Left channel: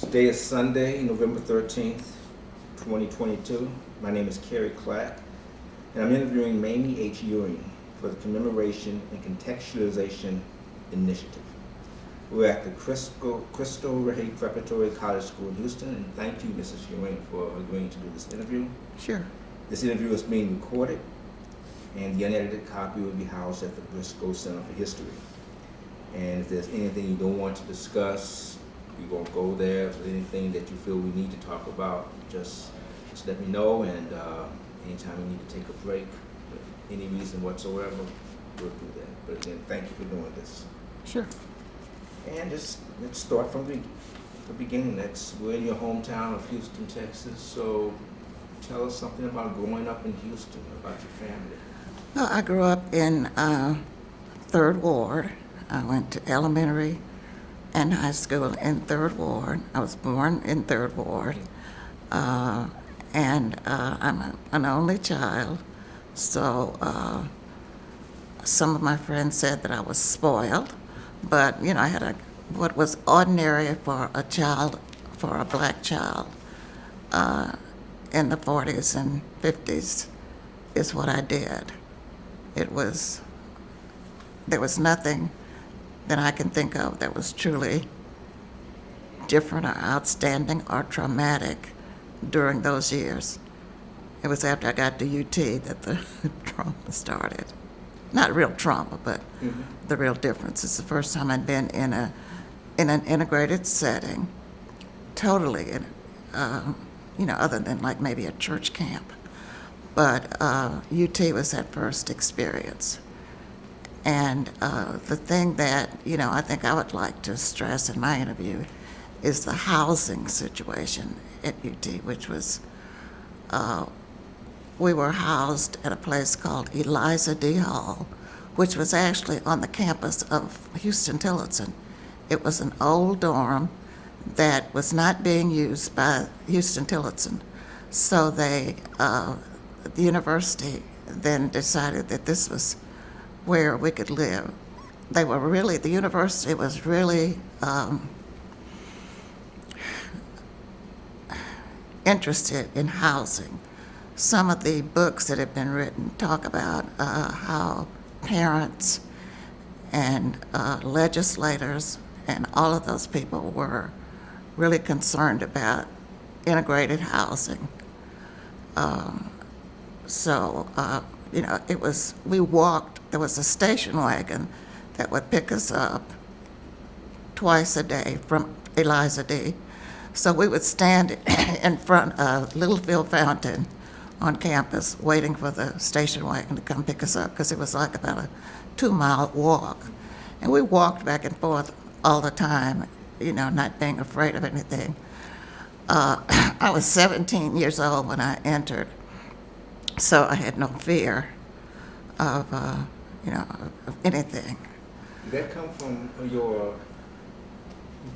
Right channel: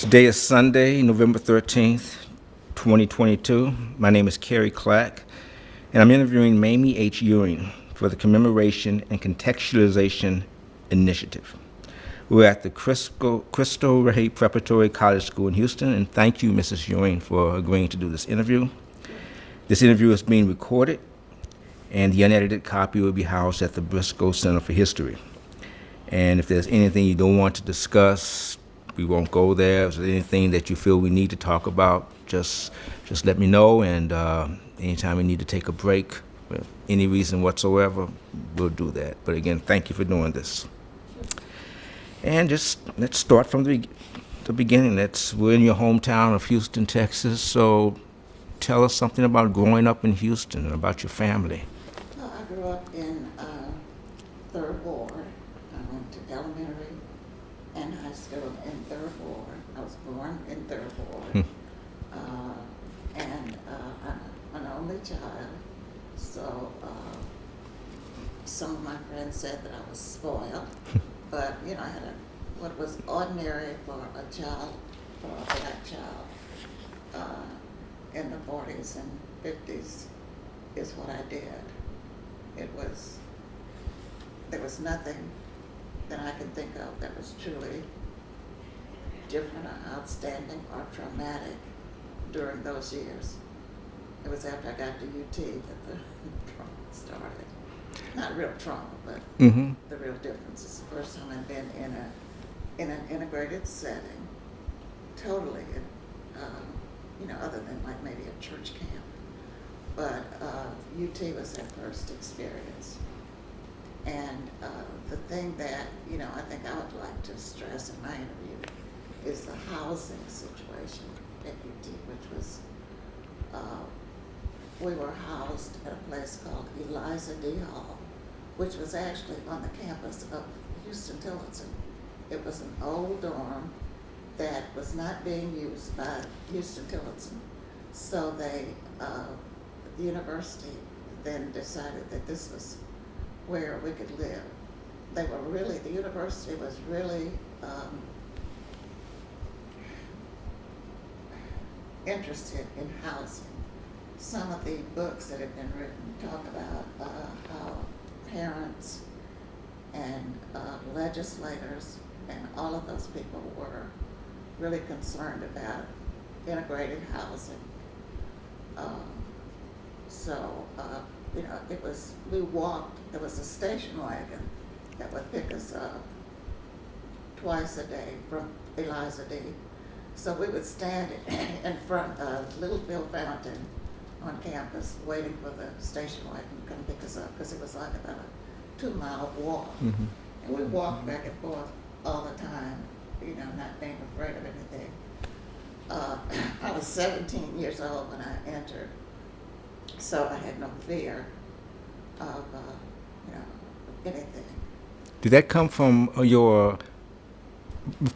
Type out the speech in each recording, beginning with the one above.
Today is Sunday, November 13th, 2022. My name is Kerry Clack, and I'm interviewing Mamie H. Ewing for the Commemoration and Contextualization Initiative. We're at the Cristo Rey Preparatory College School in Houston, and thank you, Mrs. Ewing, for agreeing to do this interview. Sure. This interview is being recorded, and the unedited copy will be housed at the Briscoe Center for History. And if there's anything you don't want to discuss, we won't go there. If there's anything that you feel we need to talk about, just let me know. And anytime we need to take a break, for any reason whatsoever, we'll do that. But again, thank you for doing this. Sure. And just let's start from the beginning. We're in your hometown of Houston, Texas. So tell us something about growing up in Houston and about your family. Well, I grew up in Third Ward. I went to elementary and high school in Third Ward. I was born in Third Ward. And I'm an only child, so some of my friends said that I was spoiled, but I had what was ordinary for a black child in the 40s and 50s is what I did. There was nothing that I can think of that was truly different or outstanding or traumatic during those years. It was after I got to UT that the trauma started. Not real trauma, but the real difference. It's the first time I'd been in an integrated setting, totally, other than like maybe a church camp. But UT was that first experience. And the thing that, I think I would like to stress in my interview is the housing situation at UT, which was, we were housed at a place called Eliza D. Hall, which was actually on the campus of Houston-Tillotson. It was an old dorm that was not being used by Houston-Tillotson. So the university then decided that this was where we could live. The university was really interested in housing. Some of the books that have been written talk about how parents and legislators and all of those people were really concerned about integrated housing. We walked. There was a station wagon that would pick us up twice a day from Eliza D. So we would stand in front of Littlefield Fountain on campus waiting for the station wagon to come pick us up because it was like about a 2-mile walk. And we walked back and forth all the time, not being afraid of anything. I was 17 years old when I entered, so I had no fear of anything. Did that come from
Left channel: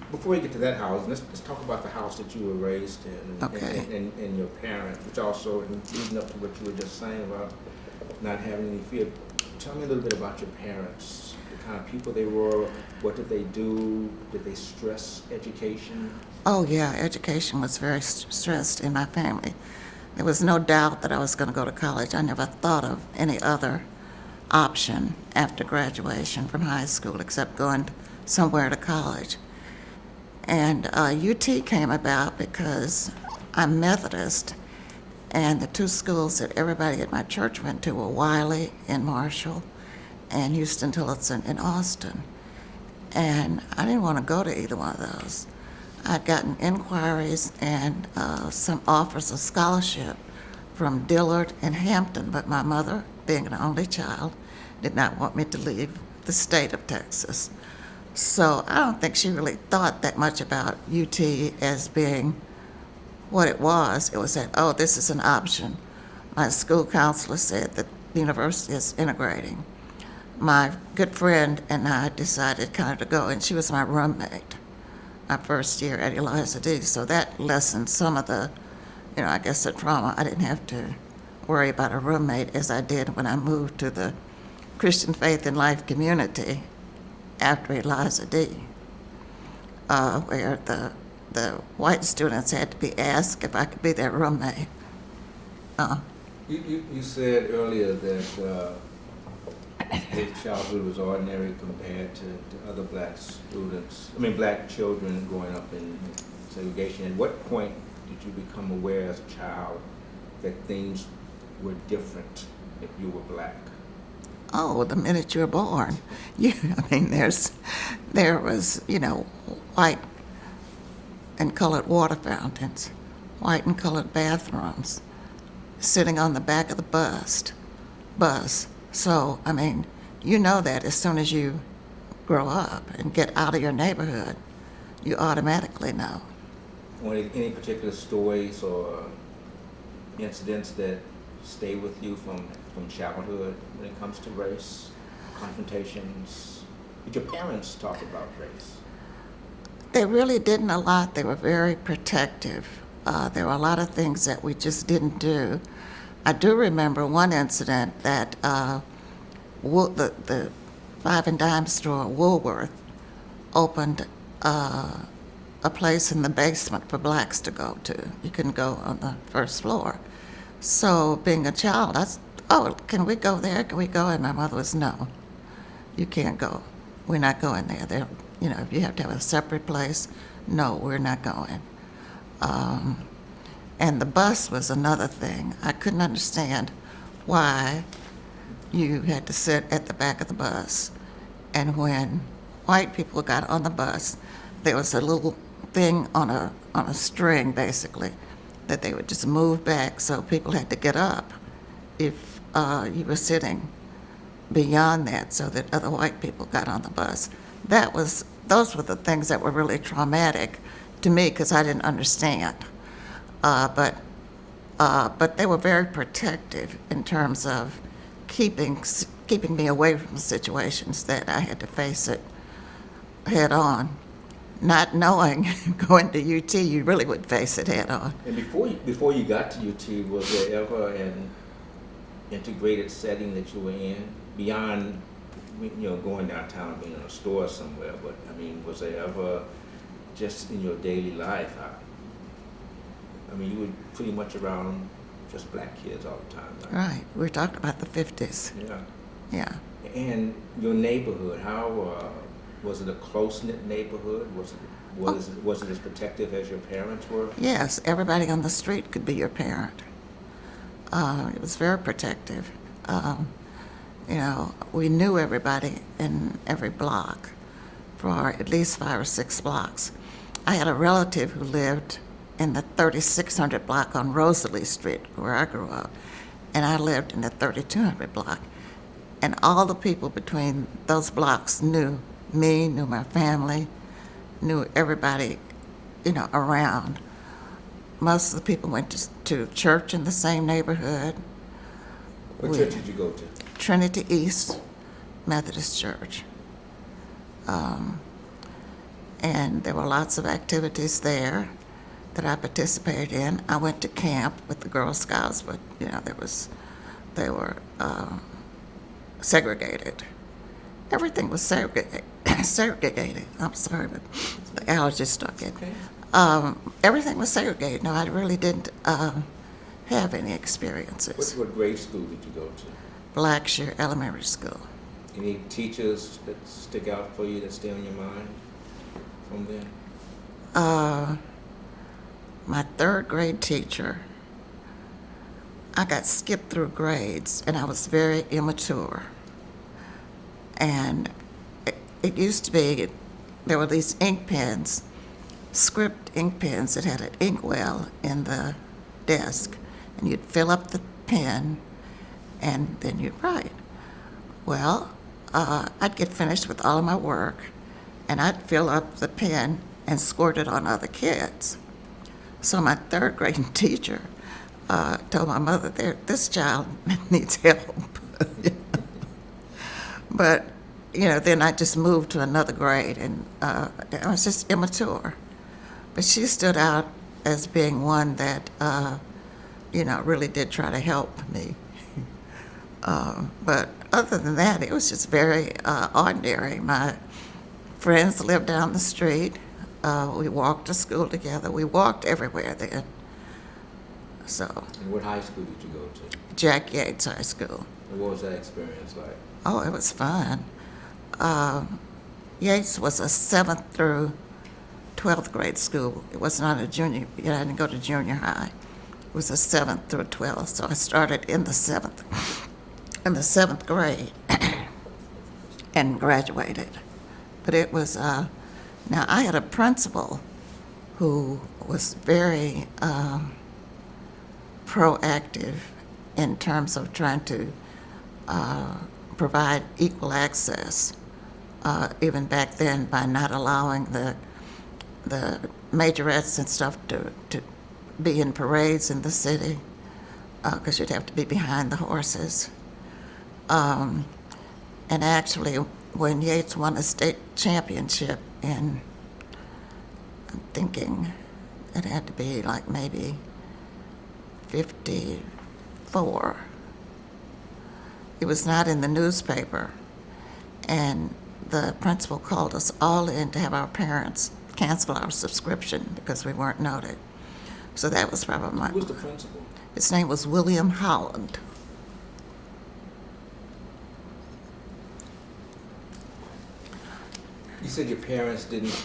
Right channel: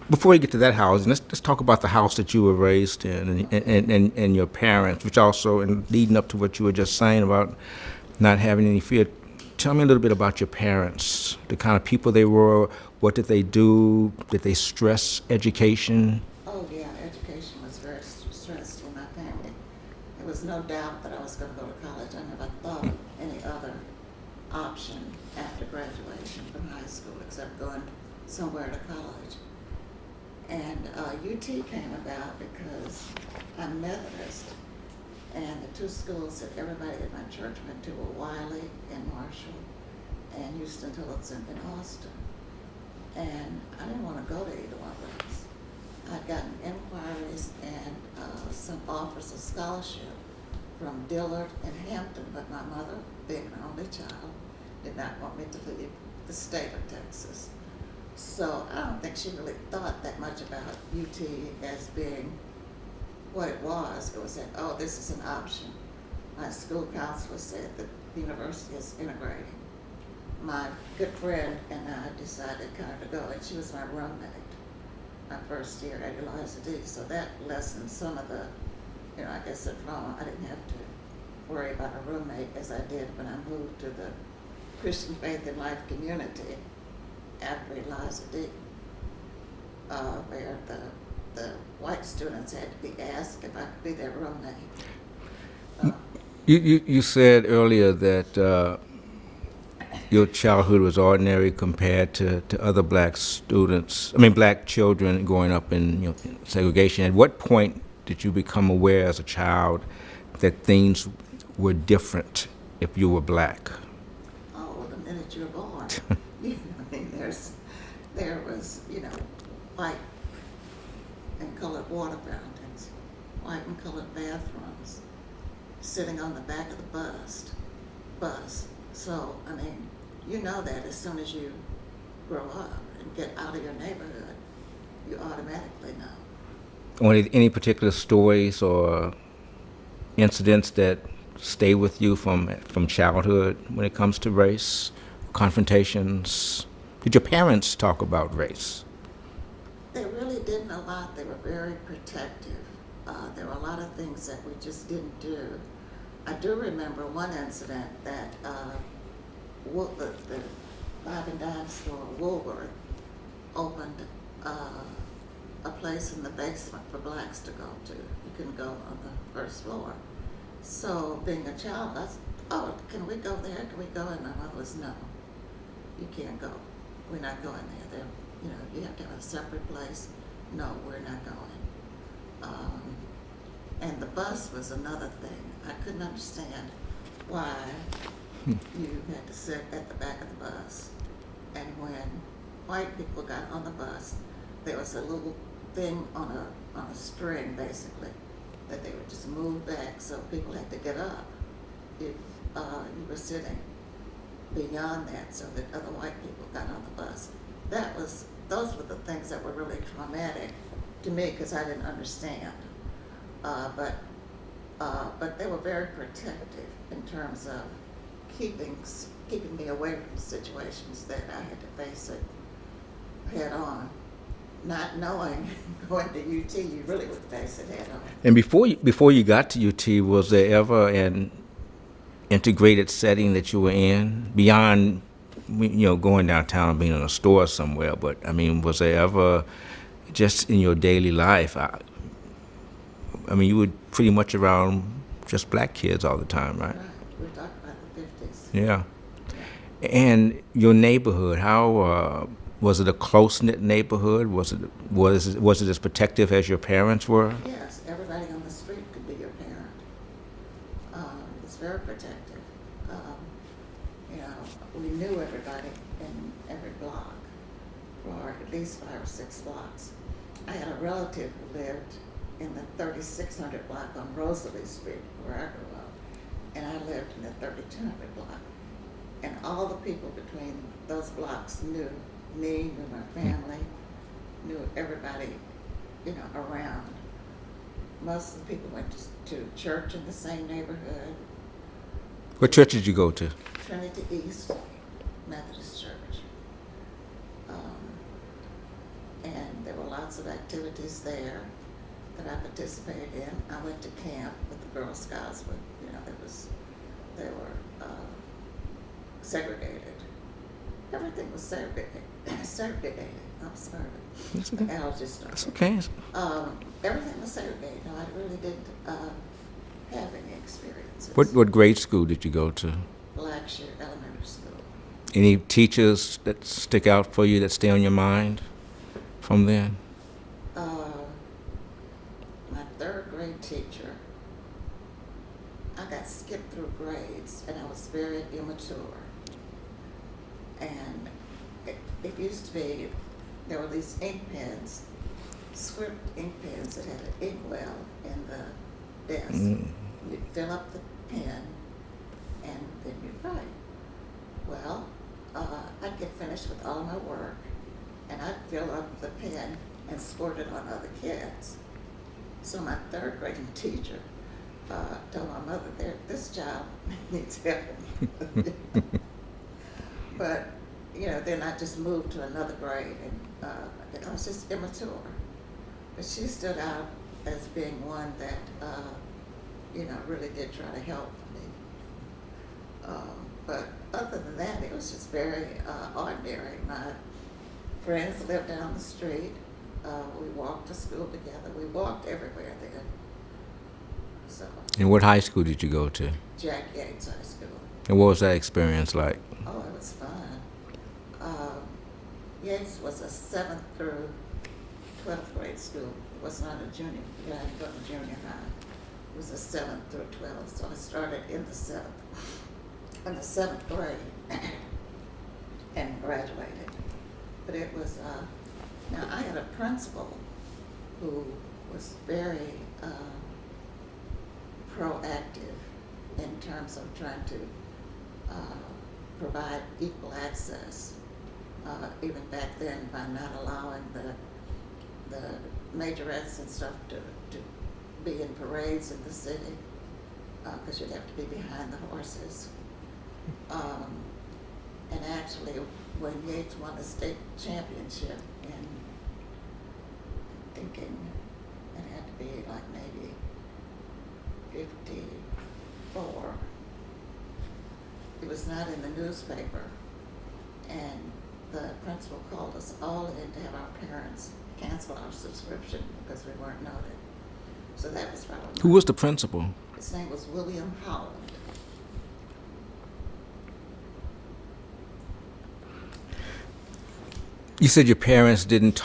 before we get to that house, let's talk about the house that you were raised in and your parents, which also, and leading up to what you were just saying about not having any fear. Tell me a little bit about your parents, the kind of people they were, what did they do, did they stress education? Oh yeah, education was very stressed in my family. There was no doubt that I was going to go to college. I never thought of any other option after graduation from high school except going somewhere to college. And UT came about because I'm Methodist, and the two schools that everybody at my church went to were Wiley in Marshall and Houston-Tillotson in Austin. And I didn't want to go to either one of those. I'd gotten inquiries and some offers of scholarship from Dillard and Hampton, but my mother, being an only child, did not want me to leave the state of Texas. So I don't think she really thought that much about UT as being what it was. It was that, oh, this is an option. My school counselor said that the university is integrating. My good friend and I decided kind of to go, and she was my roommate my first year at Eliza D. So that lessened some of the, I guess the trauma. I didn't have to worry about a roommate as I did when I moved to the Christian Faith and Life community after Eliza D., where the white students had to be asked if I could be their roommate. You said earlier that your childhood was ordinary compared to other black black children growing up in segregation. At what point did you become aware as a child that things were different if you were black? Oh, the minute you were born. There was, white and colored water fountains, white and colored bathrooms, sitting on the back of the bus. So, you know that as soon as you grow up and get out of your neighborhood, you automatically know. Any particular stories or incidents that stay with you from childhood when it comes to race, confrontations? Did your parents talk about race? They really didn't a lot. They were very protective. There were a lot of things that we just didn't do. I do remember one incident that the five and dime store, Woolworth, opened a place in the basement for blacks to go to. You couldn't go on the first floor. So being a child, I said, oh, can we go there? Can we go? And my mother was, no, you can't go. We're not going there. If you have to have a separate place, no, we're not going. And the bus was another thing. I couldn't understand why you had to sit at the back of the bus. And when white people got on the bus, there was a little thing on a string, basically, that they would just move back, so people had to get up if you were sitting beyond that, so that other white people got on the bus. Those were the things that were really traumatic to me because I didn't understand. But they were very protective in terms of keeping me away from situations that I had to face it head on. Not knowing going to UT, you really would face it head on. And before you got to UT, was there ever an integrated setting that you were in beyond, going downtown and being in a store somewhere? But was there ever, just in your daily life? You were pretty much around just black kids all the time, right? Right. We're talking about the 50s. Yeah. Yeah. And your neighborhood, how was it a close-knit neighborhood? Was it as protective as your parents were? Yes, everybody on the street could be your parent. It was very protective. We knew everybody in every block for at least 5 or 6 blocks. I had a relative who lived in the 3600 block on Rosalie Street, where I grew up, and I lived in the 3200 block. And all the people between those blocks knew me, knew my family, knew everybody, around. Most of the people went to church in the same neighborhood. What church did you go to? Trinity East Methodist Church. And there were lots of activities there that I participated in. I went to camp with the Girl Scouts, but they were segregated. Everything was segregated. I'm sorry, but the allergies started. Okay. Everything was segregated. No, I really didn't have any experiences. What grade school did you go to? Blackshear Elementary School. Any teachers that stick out for you that stay on your mind from then? My 3rd grade teacher, I got skipped through grades, and I was very immature. And it used to be, there were these ink pens, script ink pens that had an inkwell in the desk. And you'd fill up the pen, and then you'd write. Well, I'd get finished with all of my work, and I'd fill up the pen and squirt it on other kids. So my 3rd grade teacher told my mother, this child needs help. But, then I just moved to another grade, and I was just immature. But she stood out as being one that, really did try to help me. But other than that, it was just very ordinary. My friends lived down the street. We walked to school together. We walked everywhere then. So, And what high school did you go to? Jack Yates High School. And what was that experience like? Oh, it was fun. Yates was a 7th through 12th grade school. It was not a junior, you didn't go to junior high. It was a 7th through 12th, so I started in the 7th grade and graduated. But it was, now I had a principal who was very proactive in terms of trying to provide equal access, even back then, by not allowing the majorettes and stuff to be in parades in the city, because you'd have to be behind the horses. And actually, when Yates won a state championship in, I'm thinking it had to be like maybe 54. It was not in the newspaper, and the principal called us all in to have our parents cancel our subscription because we weren't noted. So that was probably Who was the principal? His name was William Holland. You said your parents didn't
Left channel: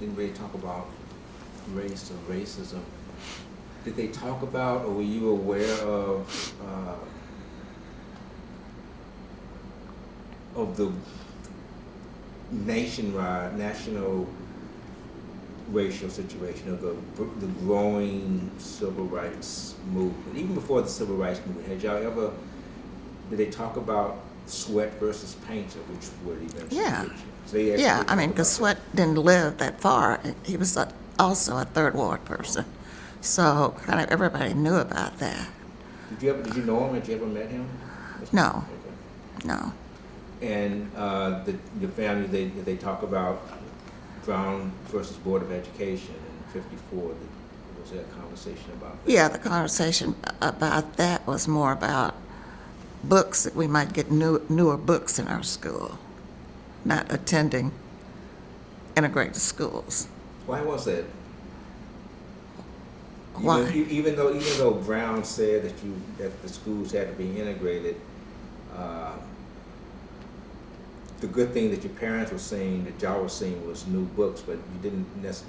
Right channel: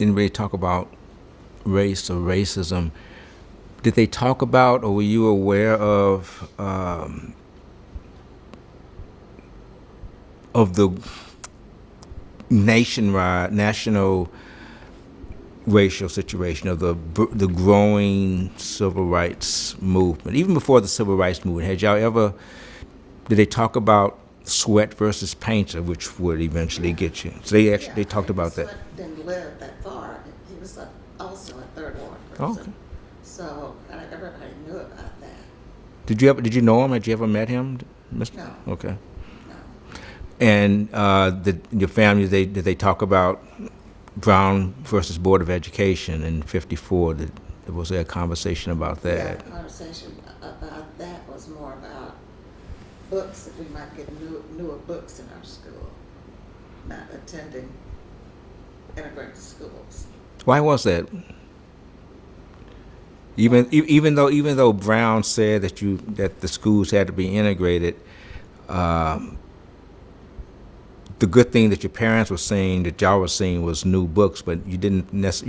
really talk about race or racism. Did they talk about, or were you aware of the national racial situation, of the growing civil rights movement? Even before the civil rights movement, did they talk about Sweat versus Painter, which would eventually get you? So they actually talked about that. Sweat didn't live that far. He was also a Third Ward person. So kind of everybody knew about that. Did you know him? Had you ever met him? No. Okay. No. And your family, did they talk about Brown versus Board of Education in '54? Was there a conversation about that? Yeah, the conversation about that was more about books, that we might get newer books in our school, not attending integrated schools. Why was that? Why? Even though Brown said that the schools had to be integrated, the good thing that your parents were saying, that y'all were saying, was new books, but you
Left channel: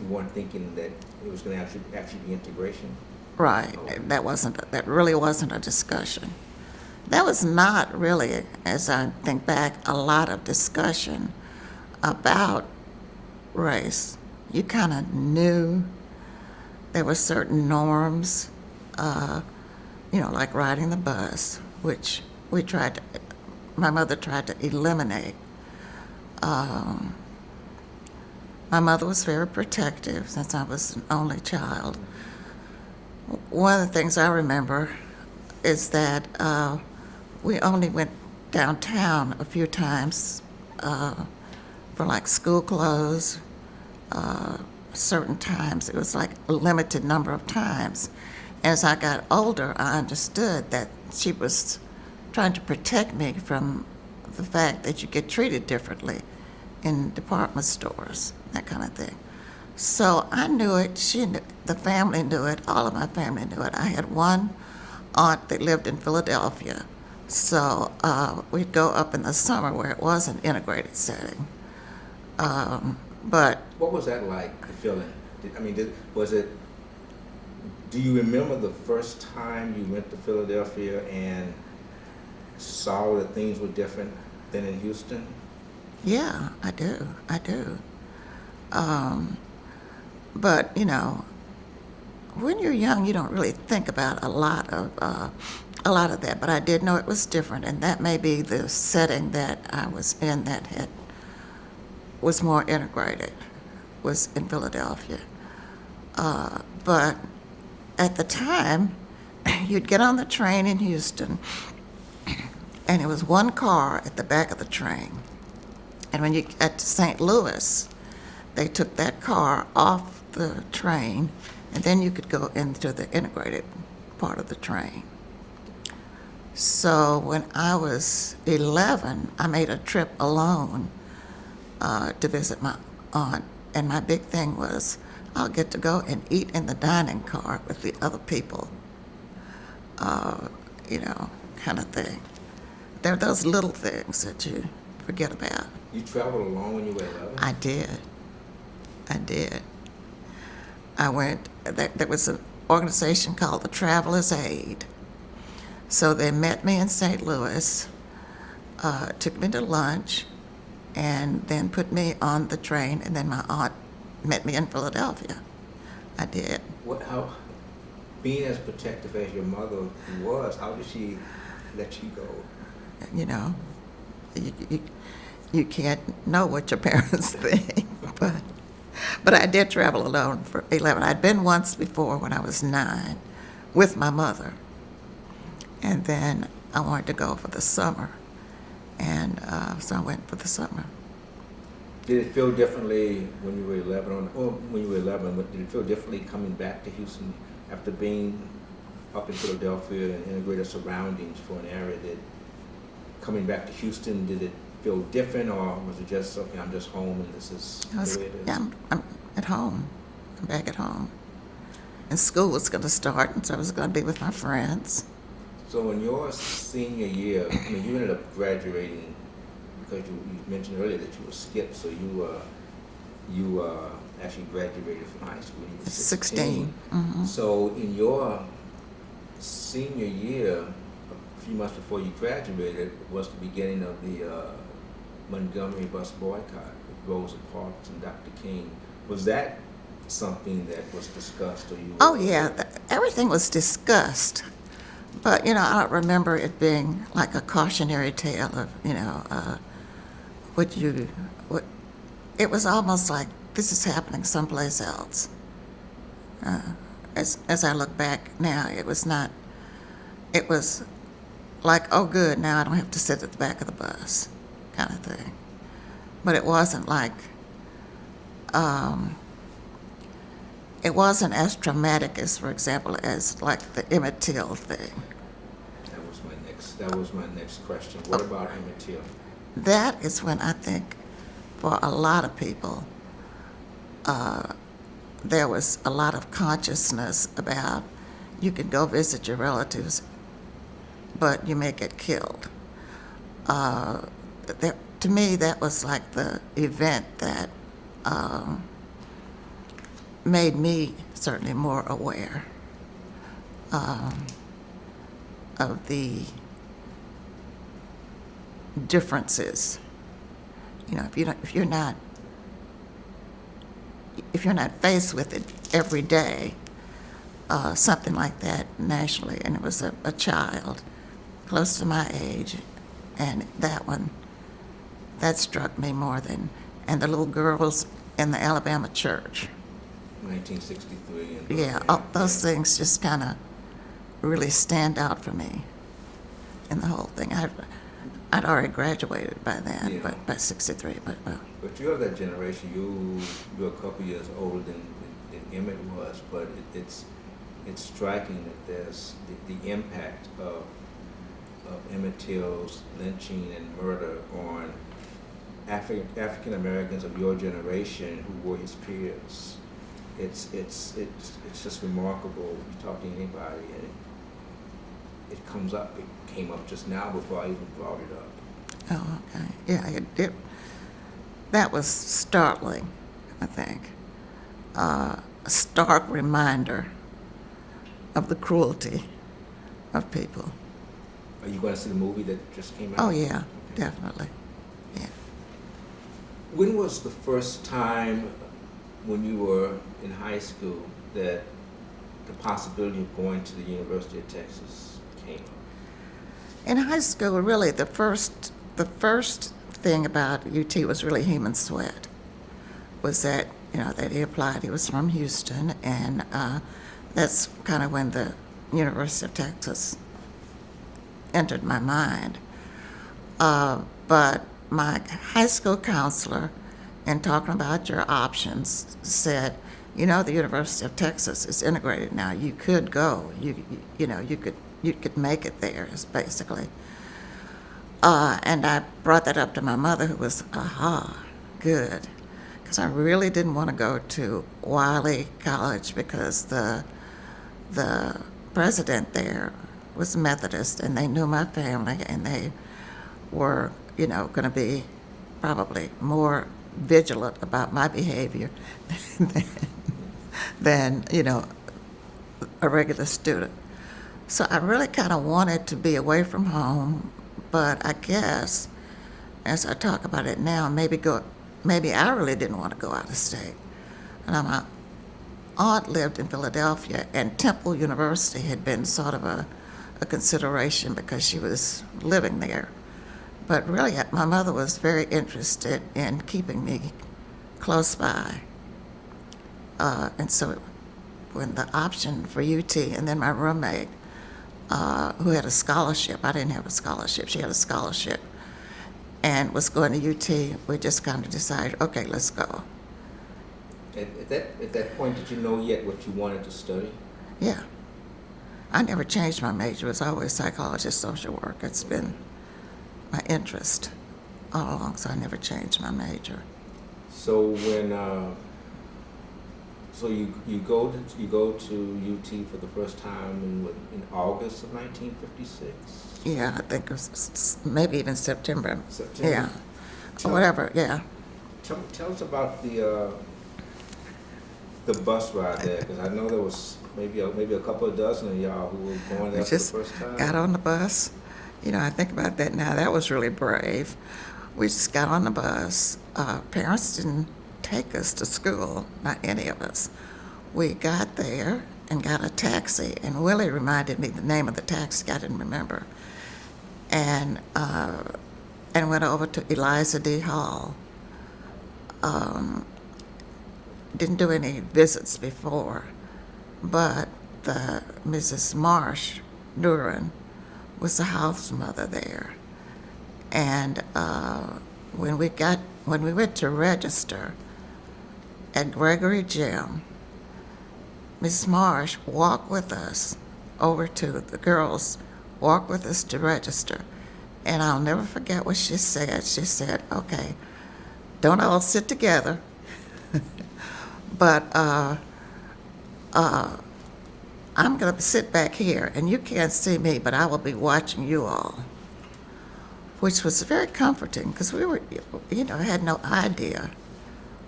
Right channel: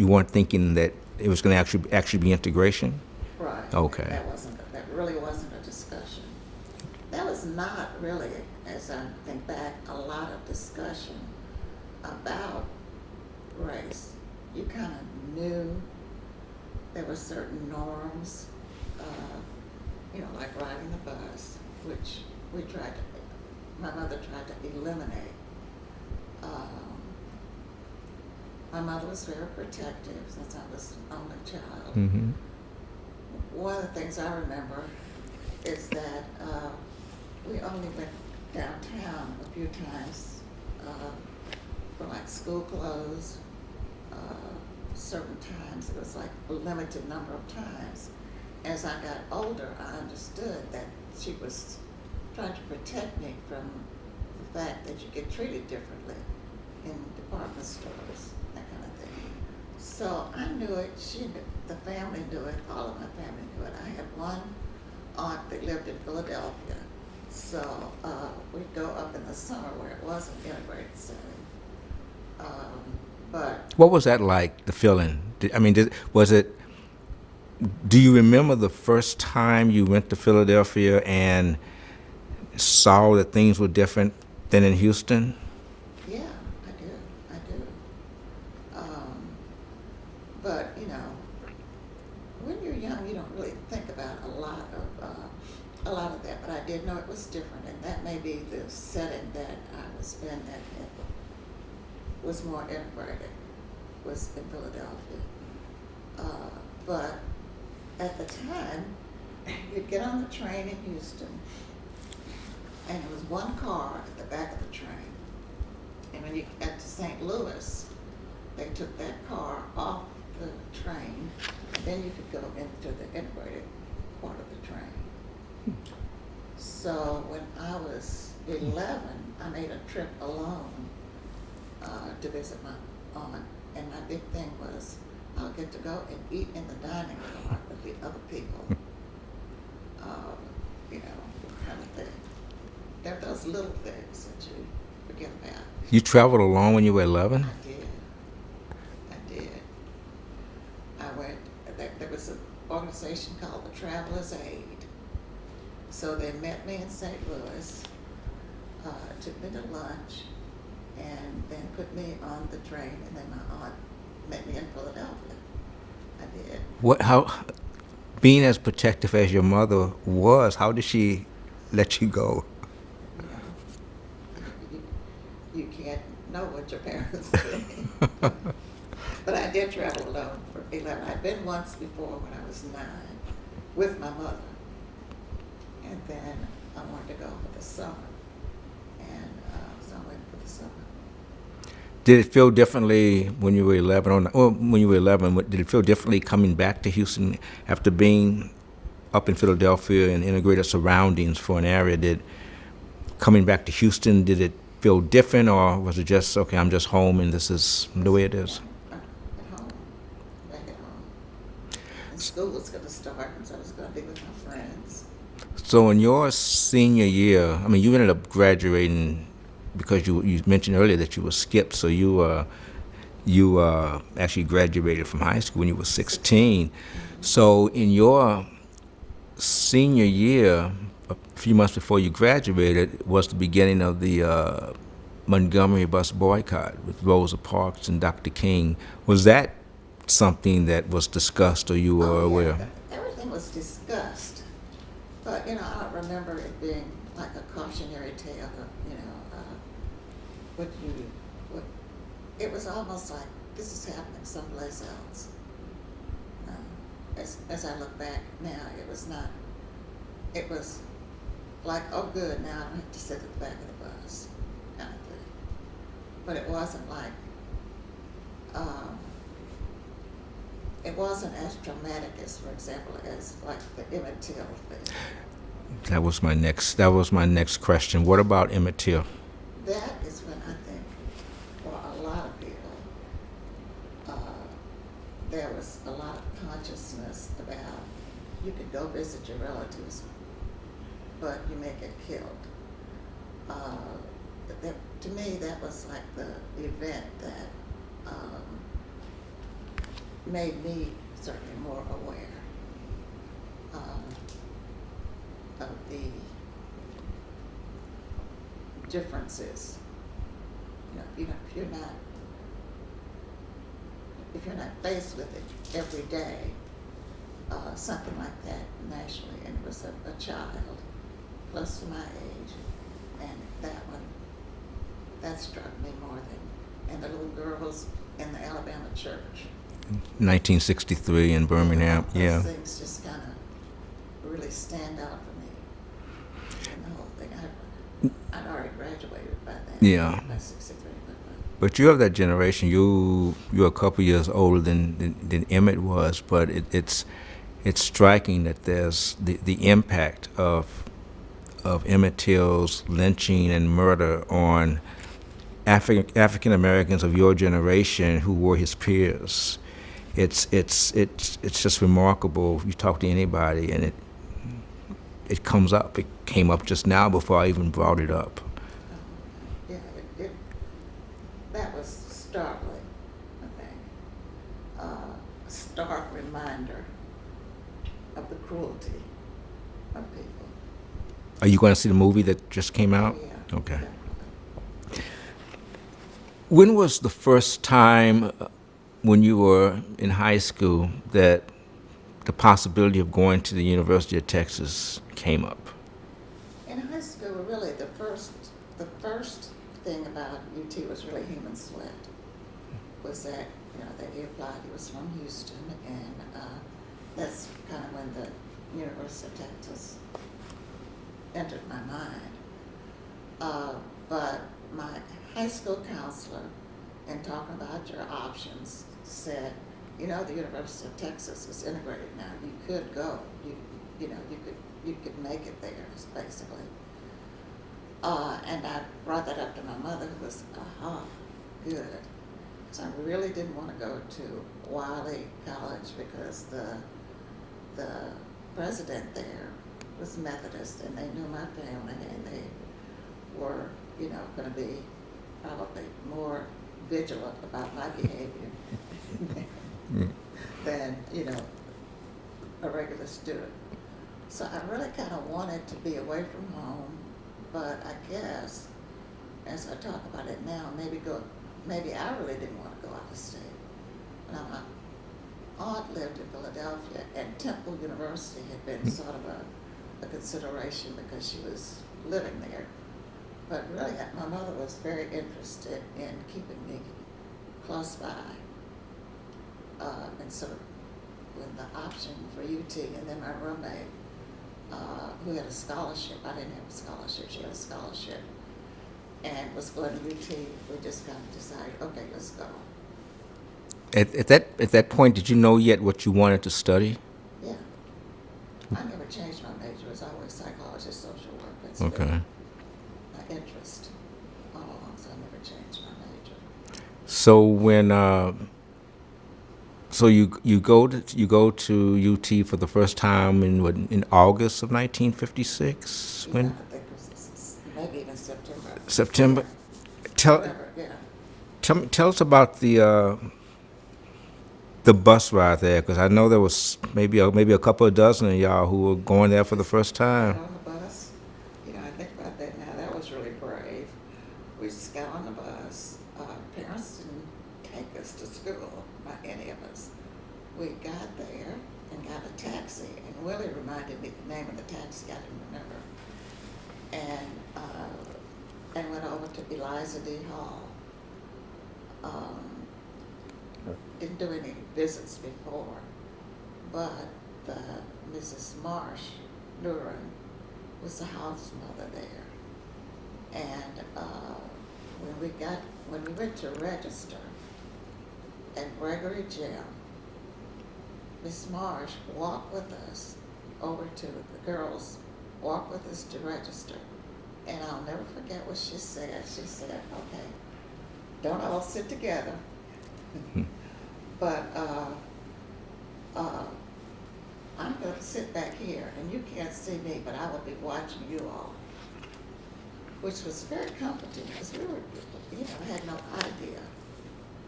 weren't thinking that it was going to actually be integration. Right. Okay. That really wasn't a discussion. That was not really, as I think back, a lot of discussion about race. You kind of knew there were certain norms, like riding the bus, which my mother tried to eliminate. My mother was very protective since I was an only child. Mm-hmm. One of the things I remember is that we only went downtown a few times for like school clothes, certain times. It was like a limited number of times. As I got older, I understood that she was trying to protect me from the fact that you get treated differently in department stores, that kind of thing. So I knew it, she knew, the family knew it, all of my family knew it. I had one aunt that lived in Philadelphia, so we'd go up in the summer where it was an integrated setting. But What was that like, the feeling? Do you remember the first time you went to Philadelphia and saw that things were different than in Houston? yeah, I do. But when you're young, you don't really think about a lot of that. But I did know it was different, and that may be the setting that I was in that was more integrated, was in Philadelphia. But at the time, you'd get on the train in Houston, and it was one car at the back of the train. And when you got to St. Louis, they took that car off the train, and then you could go into the integrated part of the train. So when I was 11, I made a trip alone to visit my aunt And my big thing was, I'll get to go and eat in the dining car with the other people, uh, you know, kind of thing. There are those little things that you forget about. You traveled alone when you were 11? I did. I did. I went, there was an organization called the Travelers Aid. So they met me in St. Louis, took me to lunch, and then put me on the train, and then my aunt met me in Philadelphia. I did. How, being as protective as your mother was, how did she let you go? You know, you can't know what your parents think. But I did travel alone for 11. I'd been once before when I was 9 with my mother. And then I wanted to go for the summer. And so I went for the summer. Did it feel differently when you were 11? When you were 11, did it feel differently coming back to Houston after being up in Philadelphia and integrated surroundings for an area? Did coming back to Houston, did it feel different, or was it just, okay, I'm just home and this is the way it is? Yeah, I'm at home. I'm back at home. And school was going to start, and so I was going to be with my friends. So in your senior year, I mean, you ended up graduating because you mentioned earlier that you were skipped, so you actually graduated from high school when you were 16. Mm-hmm. So in your senior year, a few months before you graduated, was the beginning of the Montgomery bus boycott with Rosa Parks and Dr. King. Was that something that was discussed, or you were aware? Oh, yeah. Everything was discussed. But, you know, I don't remember it being like a cautionary tale of, you know, it was almost like this is happening someplace else. As I look back now, it was not, it was like, oh, good, now I don't have to sit at the back of the bus, kind of thing. But it wasn't like, it wasn't as traumatic as, for example, as like the Emmett Till thing. That was my next question. What about Emmett Till? That is when I think, for a lot of people, there was a lot of consciousness about you can go visit your relatives, but you may get killed. To me, that was like the event that made me certainly more aware of the differences. You know, if you're not faced with it every day, something like that nationally, and it was a child close to my age, and that struck me more than, and the little girls in the Alabama church. 1963 in Birmingham. Yeah, those things just kind of really stand out for me in the whole thing. I'd already graduated by then, by 63. But you're of that generation. You're a couple years older than Emmett was, but it's striking that there's the impact of Emmett Till's lynching and murder on African Americans of your generation who were his peers. It's just remarkable. You talk to anybody, and it comes up. It came up just now before I even brought it up. Oh, okay. Yeah, that was startling, I think. A stark reminder of the cruelty of people. Are you going to see the movie that just came out? Oh, yeah, okay. Definitely. Yeah. When was the first time when you were in high school that the possibility of going to the University of Texas came up? In high school, really, the first thing about UT was really Heman Sweat. Was that, you know, that he applied. He was from Houston, and that's kind of when the University of Texas entered my mind. But my high school counselor, in talking about your options, said, you know, the University of Texas is integrated now. You could go. You could make it there, is basically. And I brought that up to my mother, who was, good. because I really didn't want to go to Wiley College because the president there was Methodist, and they knew my family, and they were, going to be probably more vigilant about my behavior than a regular student. So I really kind of wanted to be away from home, but I guess as I talk about it now, maybe I really didn't want to go out of state. And my aunt lived in Philadelphia, and Temple University had been sort of a consideration because she was living there. But really, my mother was very interested in keeping me close by. And so when the option for UT, and then my roommate, who had a scholarship, I didn't have a scholarship, she had a scholarship, and was going to UT, we just kind of decided, okay, let's go. At that point, did you know yet what you wanted to study? Yeah. I never changed my major. It was always psychology, social work. It's been my interest all along, so I never changed my major. So when you go to UT for the first time in August of 1956? Yeah, I think it was maybe even September. September. Yeah. Whatever. Yeah. Tell us about the bus ride there, because I know there was maybe a couple of dozen of y'all who were going there for the first time. Got on the bus. I think about that now. That was really brave. We just got on the bus. Parents didn't take us to school, not any of us. We got there and got a taxi, and Willie reminded me the name of the taxi. I didn't remember. And went over to Eliza D. Hall. Didn't do any visits before, but the Mrs. Marsh Duran was the house mother there. And when we went to register at Gregory Gym, Miss Marsh walked with us over to the girls, walked with us to register. And I'll never forget what she said. She said, okay, don't all sit together, but I'm going to sit back here, and you can't see me, but I will be watching you all, which was very comforting because we were, had no idea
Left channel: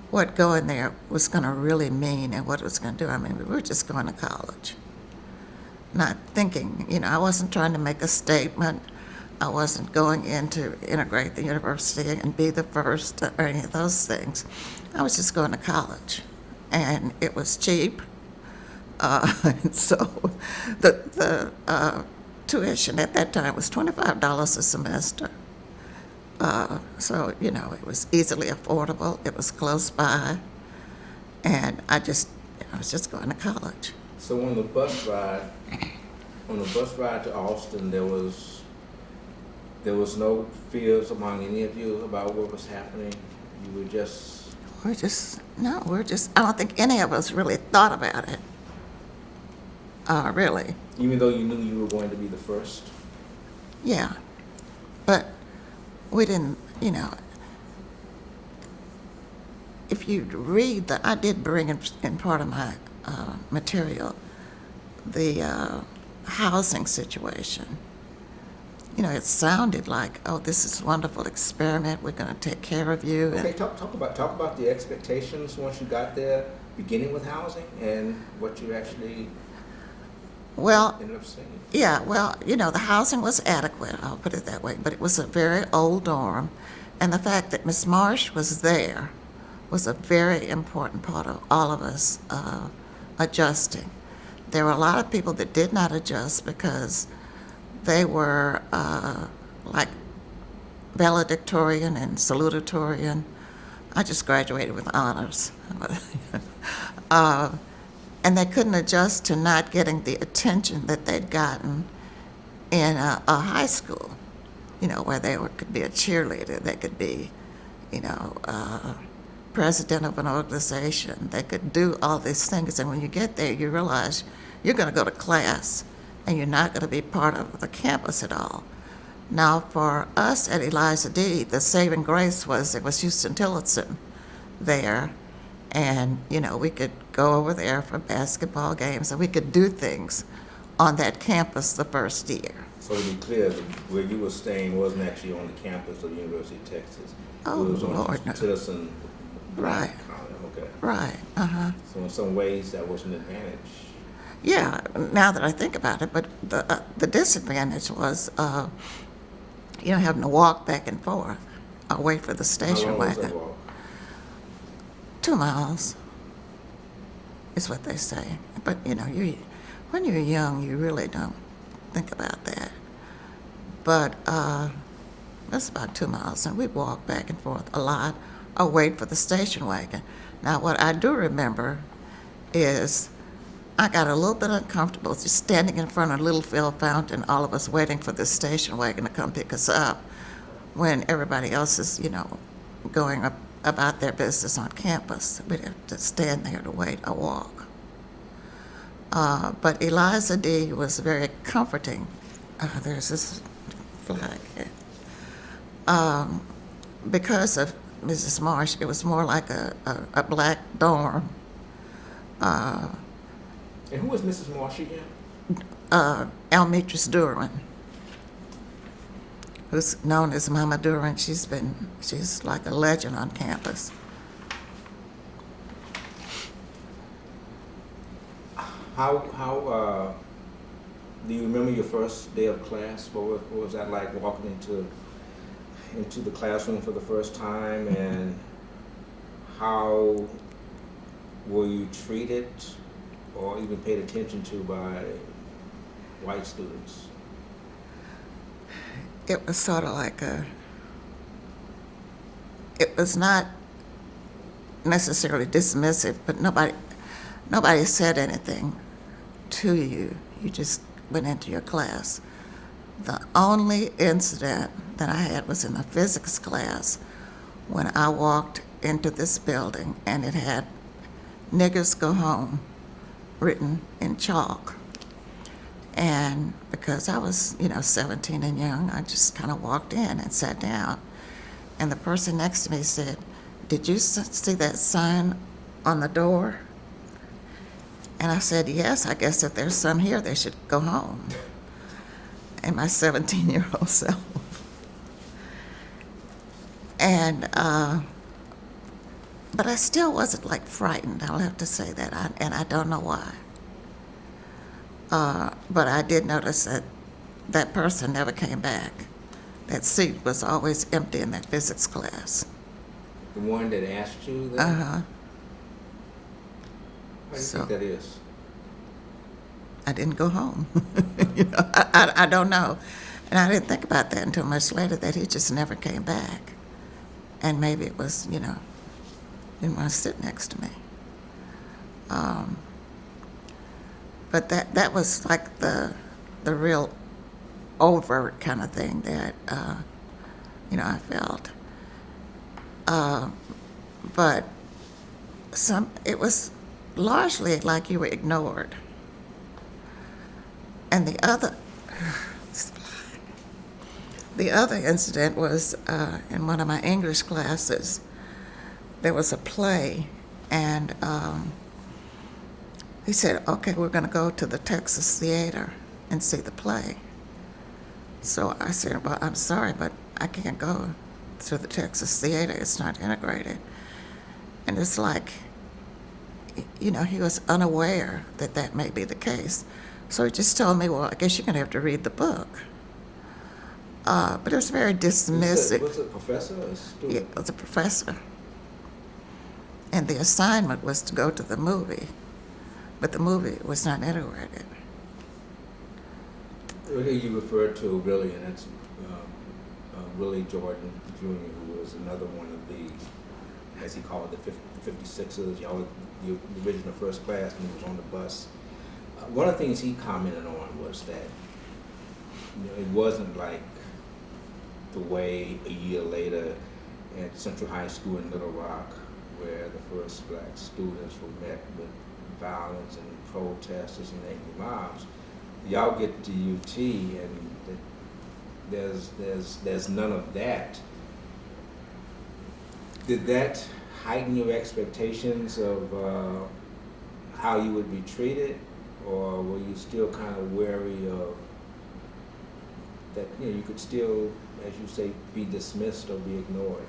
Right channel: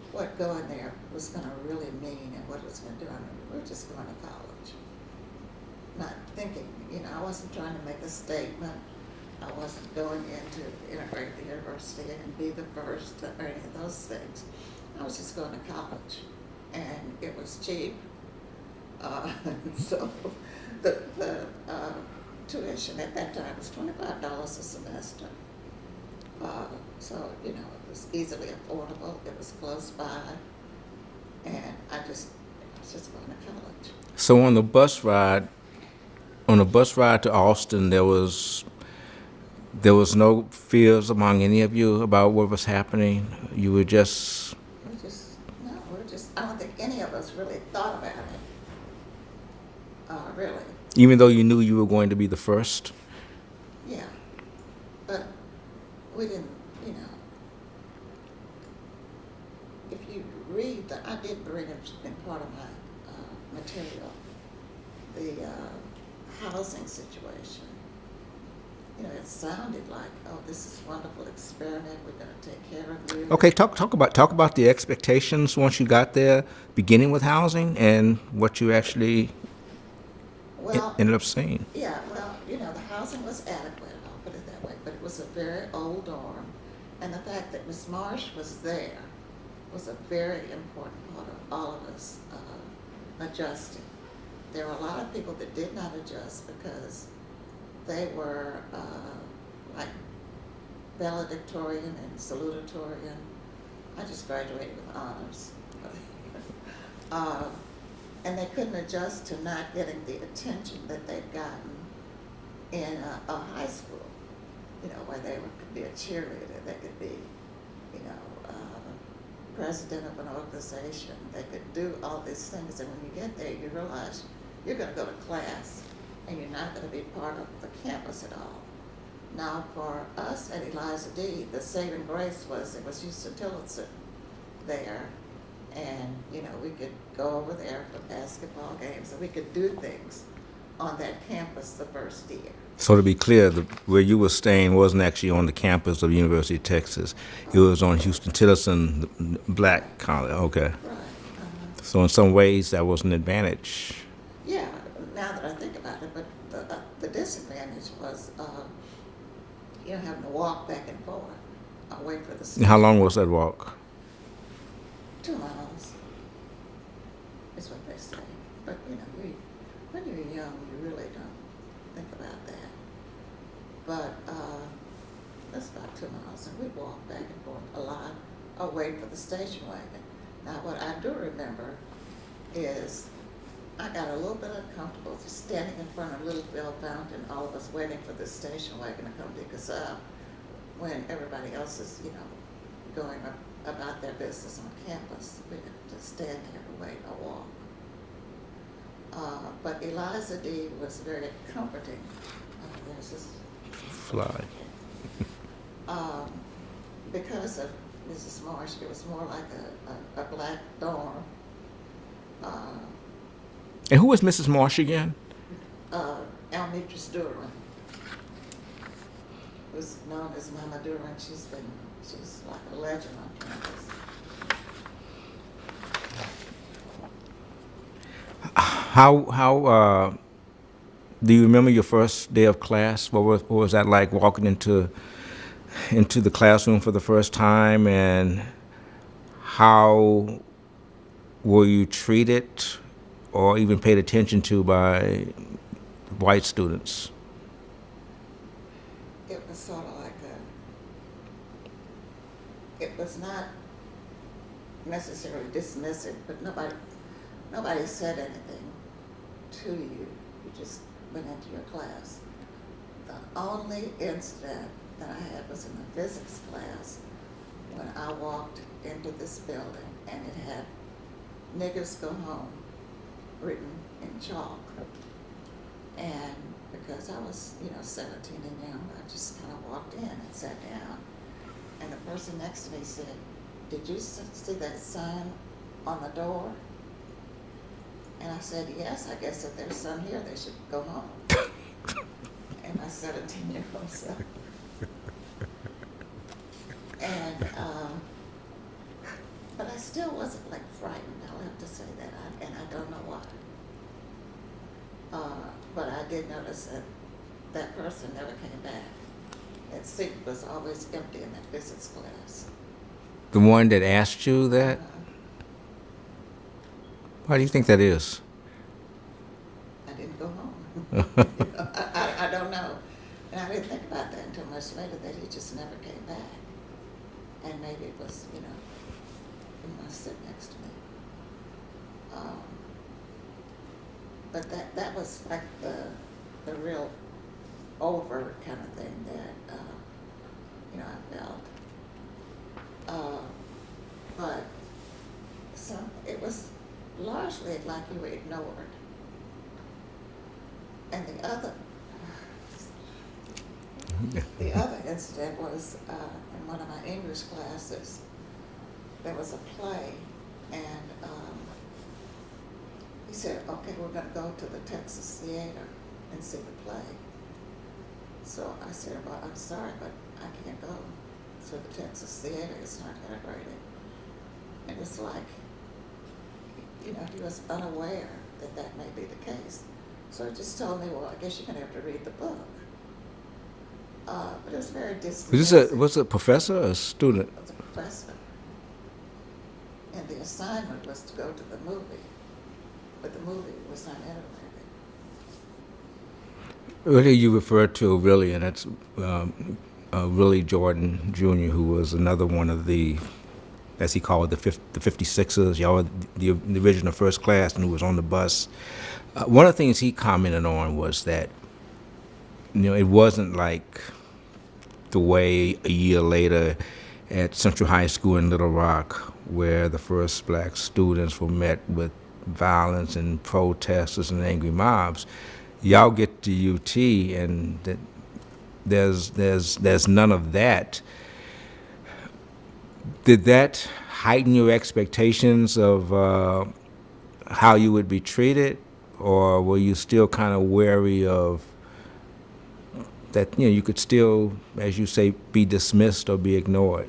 what going there was going to really mean and what it was going to do. I mean, we were just going to college, not thinking, I wasn't trying to make a statement. I wasn't going in to integrate the university and be the first or any of those things. I was just going to college, and it was cheap. And so the tuition at that time was $25 a semester. So, it was easily affordable. It was close by. And I was just going to college. So on the bus ride to Austin, there was no fears among any of you about what was happening? You were just... I don't think any of us really thought about it. Really. Even though you knew you were going to be the first? Yeah. But we didn't, if you read I did bring in part of my material, the housing situation. It sounded like, oh, this is a wonderful experiment. We're going to take care of you. Okay, talk about the expectations once you got there, beginning with housing and what you actually ended up seeing. Yeah, well, the housing was adequate, I'll put it that way, but it was a very old dorm, and the fact that Miss Marsh was there was a very important part of all of us adjusting. There were a lot of people that did not adjust because they were like valedictorian and salutatorian. I just graduated with honors. And they couldn't adjust to not getting the attention that they'd gotten in a high school, where they could be a cheerleader, they could be, president of an organization, they could do all these things. And when you get there, you realize you're going to go to class and you're not going to be part of the campus at all. Now, for us at Eliza D., the saving grace was it was Houston Tillotson there, and, we could go over there for basketball games, and we could do things on that campus the first year. So to be clear, where you were staying wasn't actually on the campus of the University of Texas. It was on Lord, Houston no. Tillerson Black Right. College. Okay. Right, uh-huh. So in some ways, that was an advantage. Yeah, now that I think about it, but the disadvantage was, having to walk back and forth, wait for the And station how long was that wagon. walk? 2 miles is what they say. But, when you're young, you really don't think about that. But that's about 2 miles, and we'd walk back and forth a lot or wait for the station wagon. Now, what I do remember is I got a little bit uncomfortable just standing in front of Littlefield Fountain, all of us waiting for the station wagon to come pick us up when everybody else is, going about their business on campus. We'd have to stand there to wait or walk. But Eliza D. was very comforting. There's this flag. Because of Mrs. Marsh, it was more like a black dorm. And who was Mrs. Marsh again? Almetris Duran, who's known as Mama Duran. She's like a legend on campus. How do you remember your first day of class? What was that like, walking into the classroom for the first time, and how were you treated or even paid attention to by white students? It was sort of like it was not necessarily dismissive, but nobody said anything to you. You just went into your class. The only incident that I had was in a physics class when I walked into this building and it had "Niggers Go Home" written in chalk. And because I was, 17 and young, I just kind of walked in and sat down. And the person next to me said, "Did you see that sign on the door?" And I said, "Yes, I guess if there's some here, they should go home." And my 17-year-old self. And, but I still wasn't like frightened, I'll have to say that, and I don't know why. But I did notice that person never came back. That seat was always empty in that physics class. The one that asked you that? Uh-huh. Why do you think that is? I didn't go home. I don't know. And I didn't think about that until much later, that he just never came back. And maybe it was, didn't want to sit next to me. But that was like the real overt kind of thing that, I felt. But it was largely like you were ignored. And the other incident was in one of my English classes. There was a play, and he said, "Okay, we're going to go to the Texas Theater and see the play." So I said, "Well, I'm sorry, but I can't go to the Texas Theater. It's not integrated." And it's like, he was unaware that may be the case. So he just told me, "Well, I guess you're going to have to read the book." But it was very dismissive. Was it a professor or a student? It was a professor. And the assignment was to go to the movie, but the movie was not integrated. Earlier you referred to Willie, and that's Willie Jordan Jr., who was another one of the, as he called it, the 56ers, y'all, the original first class, and who was on the bus. One of the things he commented on was that, it wasn't like the way a year later at Central High School in Little Rock, where the first black students were met with violence and protesters and angry mobs. Y'all get to UT, and there's none of that. heighten your expectations of how you would be treated, or were you still kind of wary of that, you could still, as you say, be dismissed or be ignored?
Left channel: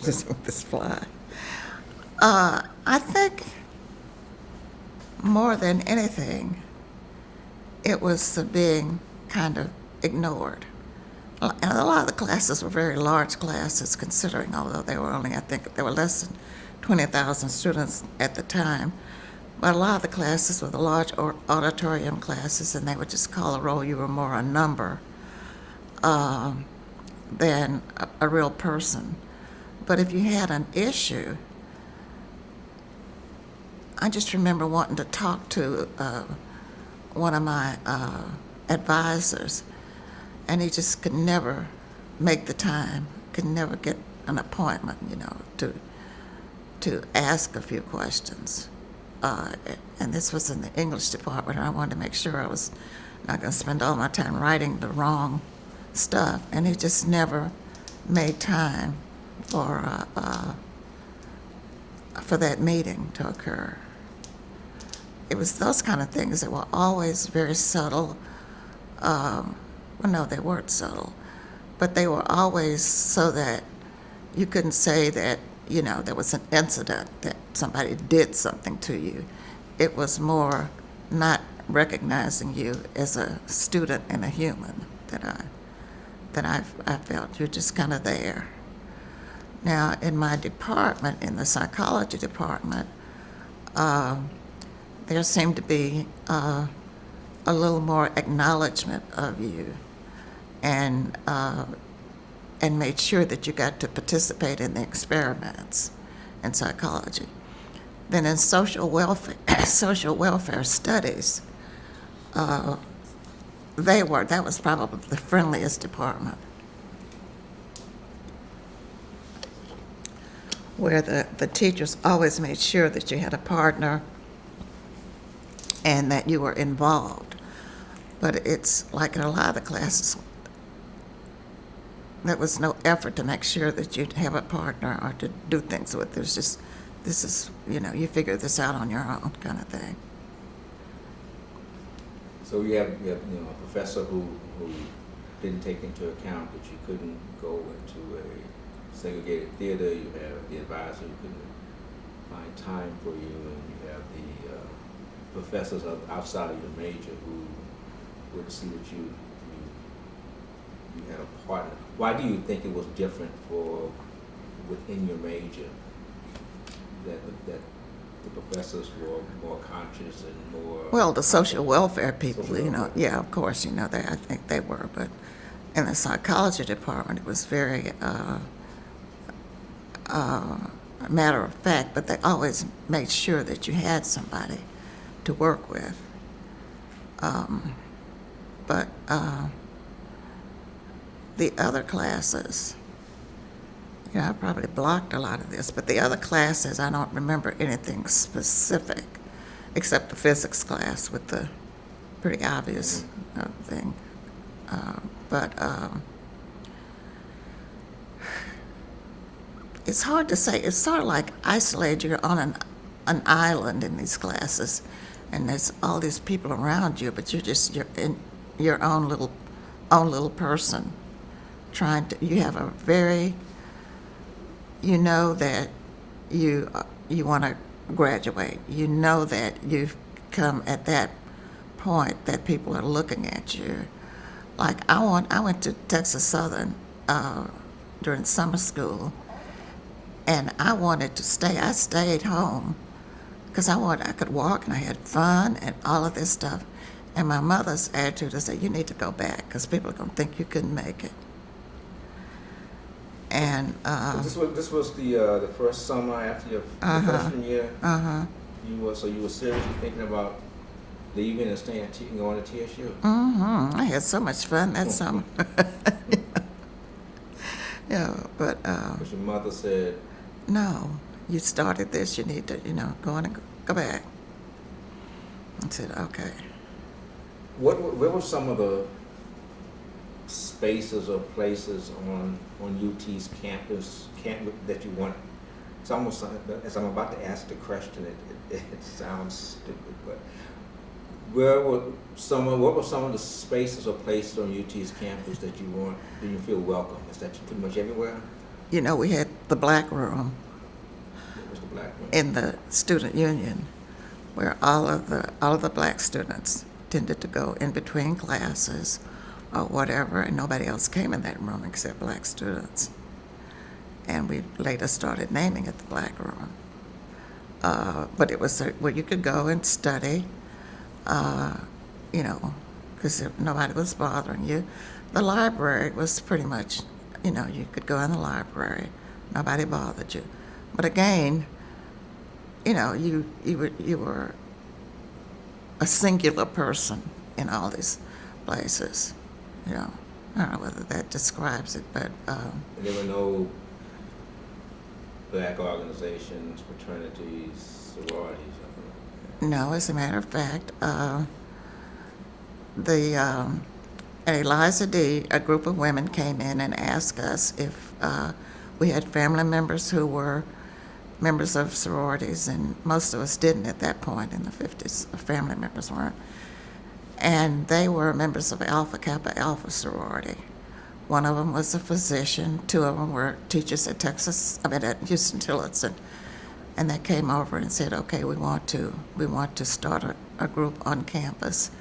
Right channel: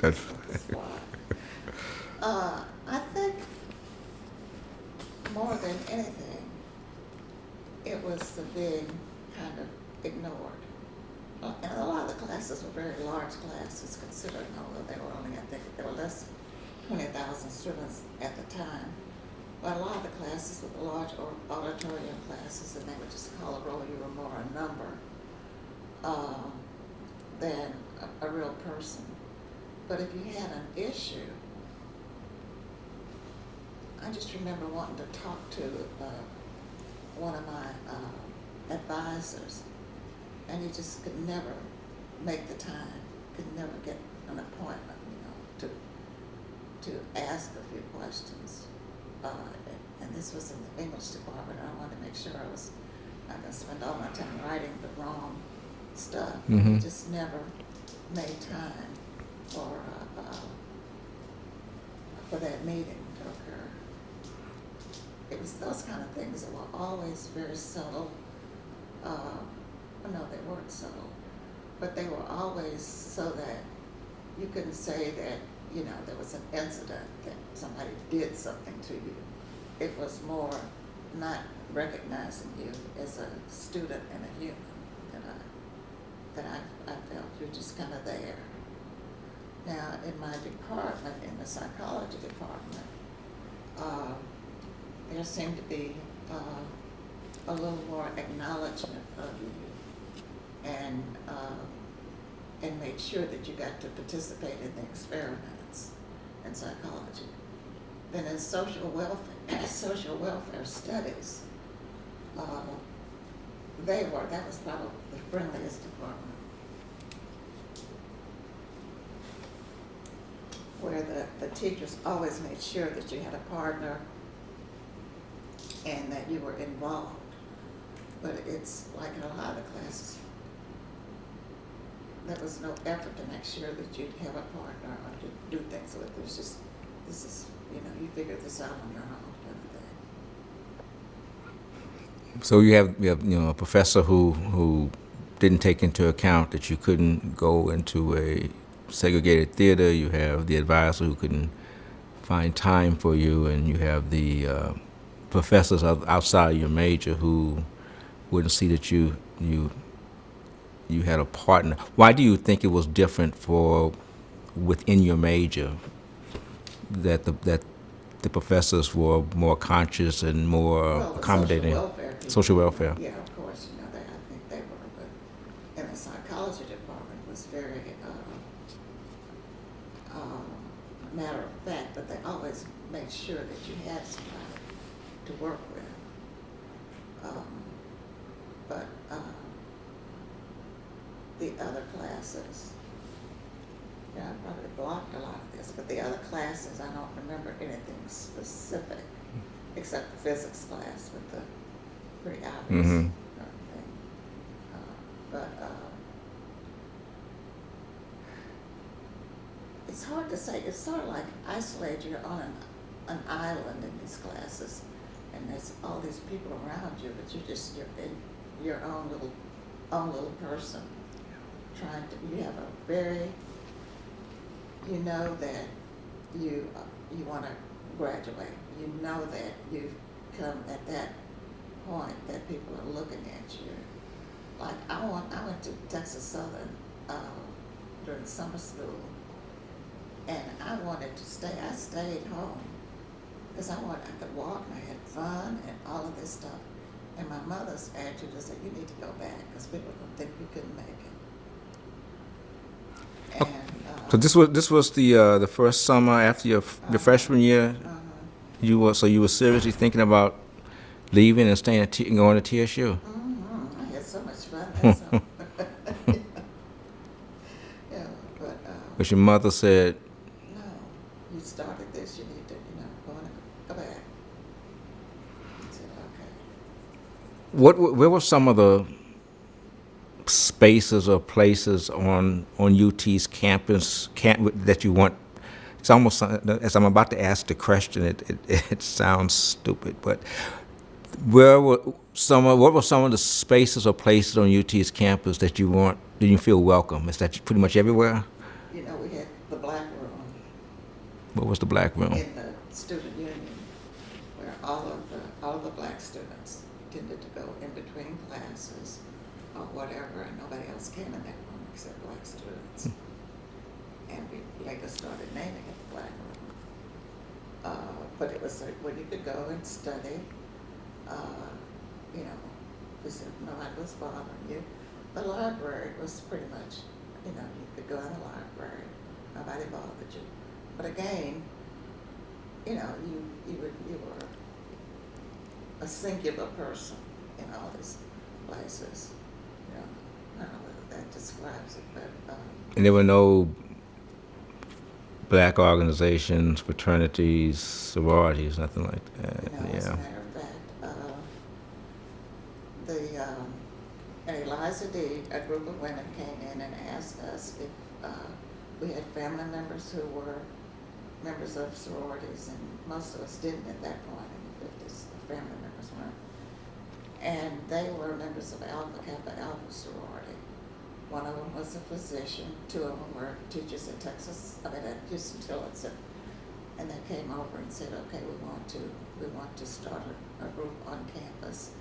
Just let this fly. I think more than anything, it was the being kind of ignored. And a lot of the classes were very large classes, considering, although they were only, I think, there were less than 20,000 students at the time. But a lot of the classes were the large auditorium classes, and they would just call a roll. You were more a number than a real person. But if you had an issue, I just remember wanting to talk to one of my advisors, and he just could never make the time, could never get an appointment, to ask a few questions. And this was in the English department, and I wanted to make sure I was not going to spend all my time writing the wrong stuff. And he just never made time for that meeting to occur. It was those kind of things that were always very subtle. Well, no, they weren't subtle, but they were always so that you couldn't say that, there was an incident, that somebody did something to you. It was more not recognizing you as a student and a human that I felt. You're just kind of there. Now, in my department, in the psychology department, there seemed to be a little more acknowledgement of you, and made sure that you got to participate in the experiments in psychology. Then in social welfare studies, that was probably the friendliest department, where the teachers always made sure that you had a partner and that you were involved. But it's like in a lot of the classes, there was no effort to make sure that you'd have a partner or to do things with. There's just, this is, you figure this out on your own kind of thing. So you have a professor who didn't take into account that you couldn't go into a segregated theater. You have the advisor who couldn't find time for you, and you have the professors outside of your major who wouldn't see that you had a partner. Why do you think it was different within your major, that the professors were more conscious and more Well, the social accommodating? welfare people. Social welfare. Yeah, of course, I think they were. But in the psychology department, it was very matter of fact, but they always made sure that you had somebody to work with. But the other classes, I probably blocked a lot of this, but the other classes, I don't remember anything specific, except the physics class with the pretty obvious thing. But it's hard to say. It's sort of like isolated. You're on an island in these classes, and there's all these people around you, but you're in your own little person. You have a very, that you want to graduate. You know that you've come at that point that people are looking at you. Like I went to Texas Southern during summer school, and I wanted to stay. I stayed home because I could walk and I had fun and all of this stuff. And my mother's attitude is that you need to go back because people are going to think you couldn't make it. And So this was the first summer after your freshman year. You were seriously thinking about leaving and staying and going to TSU. I had so much fun that summer. But But your mother said, no, you started this. You need to go on and go back. I said okay. where were some of the spaces or places on UT's campus that you want? It's almost, as I'm about to ask the question, it sounds stupid, but what were some of the spaces or places on UT's campus that you feel welcome? Is that pretty much everywhere? You know, we had the black room What was the black room? in the student union, where all of the black students tended to go in between classes or whatever, and nobody else came in that room except black students. And we later started naming it the black room. But it was where you could go and study, you know, because nobody was bothering you. The library was pretty much, you know, you could go in the library, nobody bothered you. But again, you know, you were a singular person in all these places. You know, I don't know whether that describes it, but And there were no black organizations, fraternities, sororities, nothing like that. no. As a Yeah. matter of fact, at Eliza D, a group of women came in and asked us if we had family members who were members of sororities, and most of us didn't at that point in the 50s. Our family members weren't. And they were members of Alpha Kappa Alpha sorority. One of them was a physician. Two of them were teachers at at Houston Tillotson. And they came over and said, okay, we want to start a group on campus.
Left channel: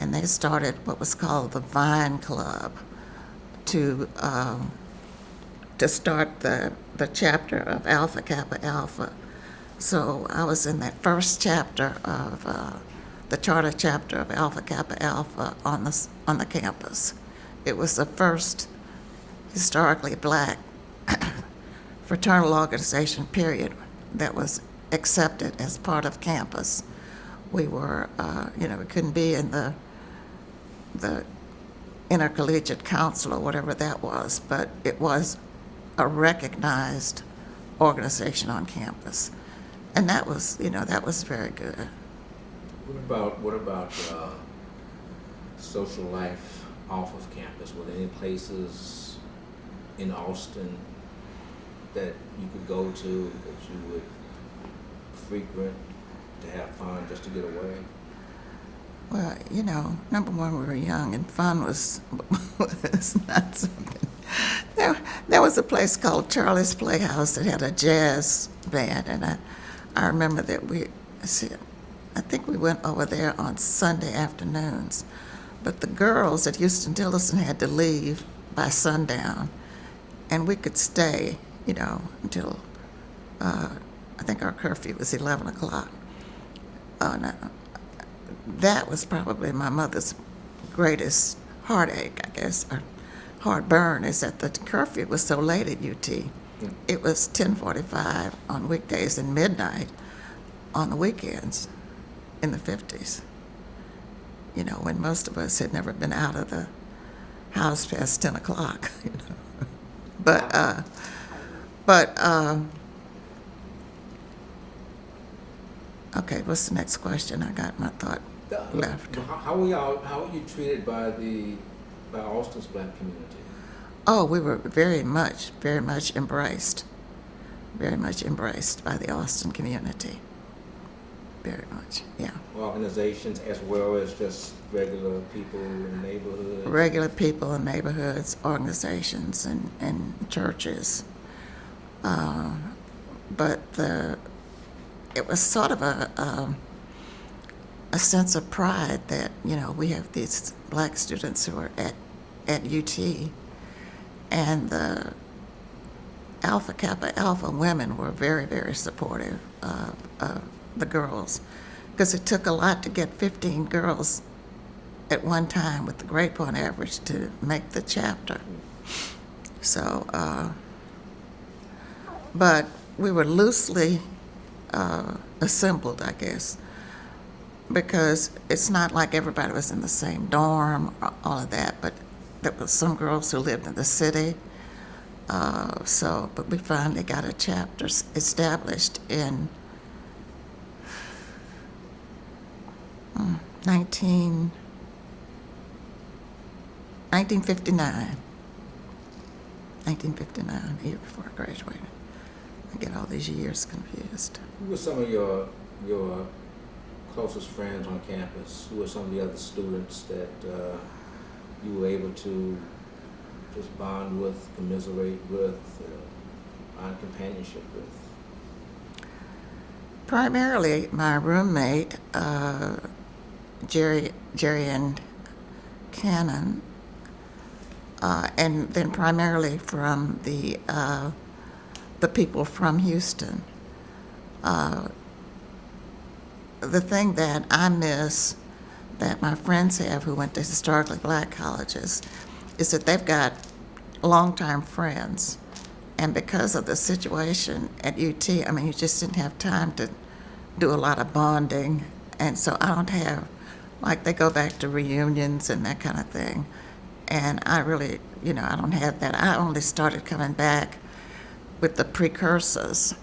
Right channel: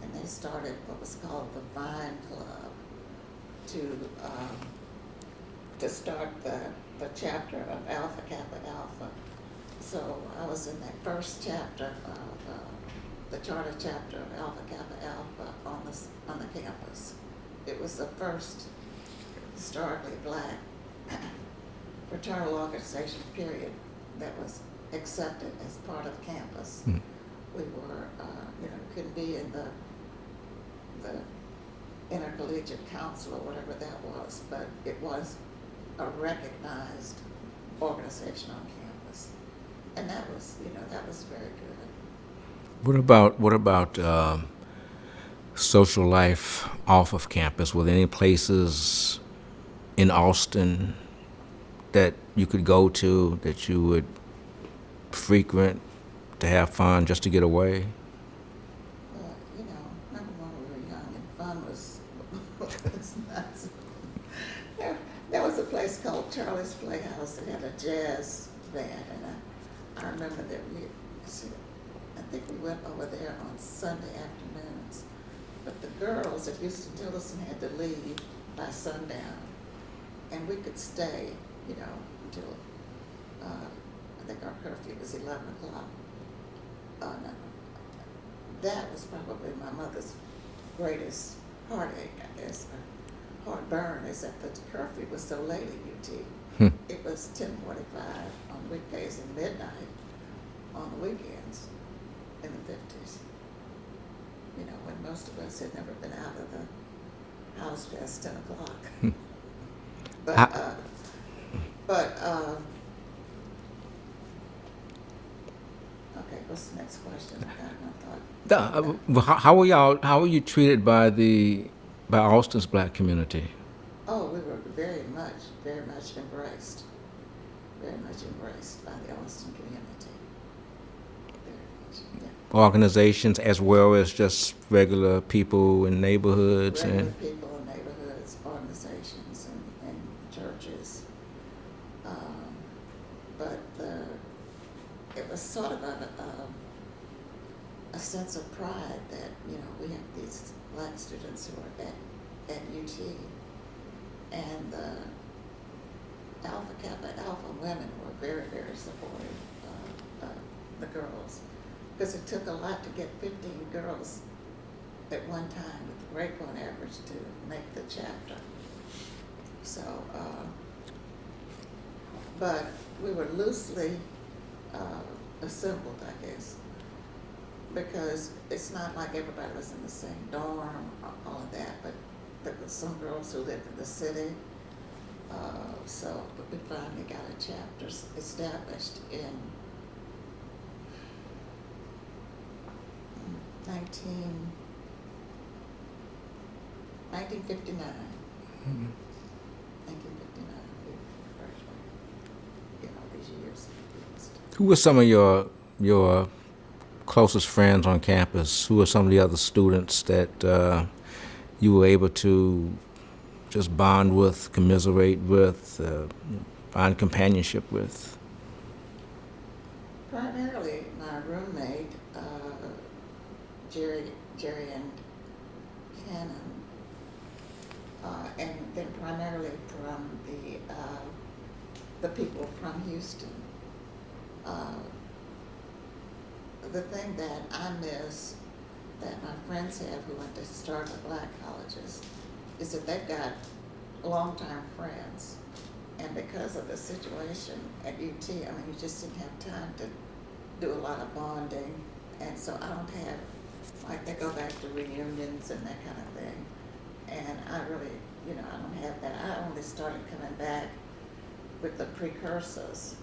And they started what was called the Vine Club to start the chapter of Alpha Kappa Alpha. So I was in that first chapter of the charter chapter of Alpha Kappa Alpha on the campus. It was the first historically black fraternal organization, period, that was accepted as part of campus. We were, you know, we couldn't be in the intercollegiate council or whatever that was, but it was a recognized organization on campus. And that was, you know, that was very good. What about social life off of campus? Were there any places in Austin that you could go to, that you would frequent to have fun, just to get away? Well, you know, number one, we were young, and fun was not something. There was a place called Charlie's Playhouse that had a jazz band, and I remember that I think we went over there on Sunday afternoons, but the girls at Houston Tillotson had to leave by sundown, and we could stay, you know, until I think our curfew was 11 o'clock. No, that was probably my mother's greatest heartache, I guess, or heartburn, is that the curfew was so late at UT. It was 10:45 on weekdays and midnight on the weekends in the 50s. You know, when most of us had never been out of the house past 10 o'clock. You know? Okay, what's the next question? I got my thought left. How were you treated by Austin's black community? Oh, we were very much embraced. Very much embraced by the Austin community. Very much, yeah. Organizations as well as just regular people in neighborhoods? Regular people in neighborhoods, organizations, and churches. But it was sort of a sense of pride that, you know, we have these black students who are at UT, and the Alpha Kappa Alpha women were very, very supportive of the girls, because it took a lot to get 15 girls at one time with the grade point average to make the chapter. So, but we were loosely assembled, I guess, because it's not like everybody was in the same dorm, all of that, but there was some girls who lived in the city. But we finally got a chapter established in 19 1959. 1959, the year before I graduated. I get all these years confused. Who were some of your closest friends on campus? Who were some of the other students that you were able to just bond with, commiserate with, find companionship with? Primarily my roommate, Jerry and Cannon, and then primarily from the people from Houston. The thing that I miss that my friends have who went to historically black colleges is that they've got longtime friends. And because of the situation at UT, I mean, you just didn't have time to do a lot of bonding. And so I don't have, like, they go back to reunions and that kind of thing. And I really, I don't have that. I only started coming back with the precursors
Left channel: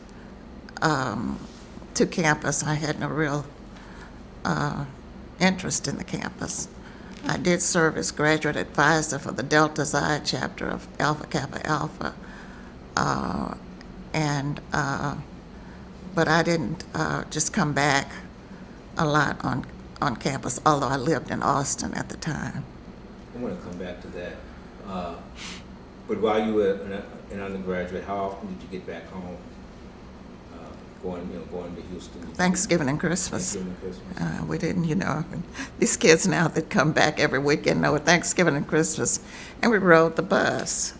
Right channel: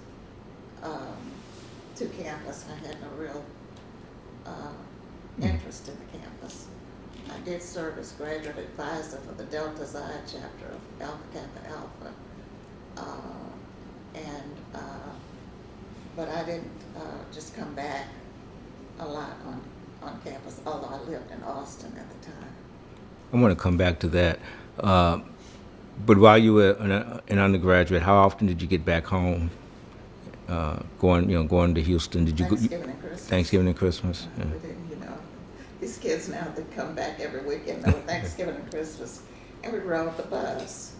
to campus. I had no real interest in the campus. I did serve as graduate advisor for the Delta Xi chapter of Alpha Kappa Alpha. But I didn't just come back a lot on campus, although I lived in Austin at the time. I want to come back to that. But while you were an undergraduate, how often did you get back home? Going to Houston. Did Thanksgiving and Christmas. Thanksgiving and Christmas. We didn't, these kids now that come back every weekend know Thanksgiving and Christmas, and we rode the bus.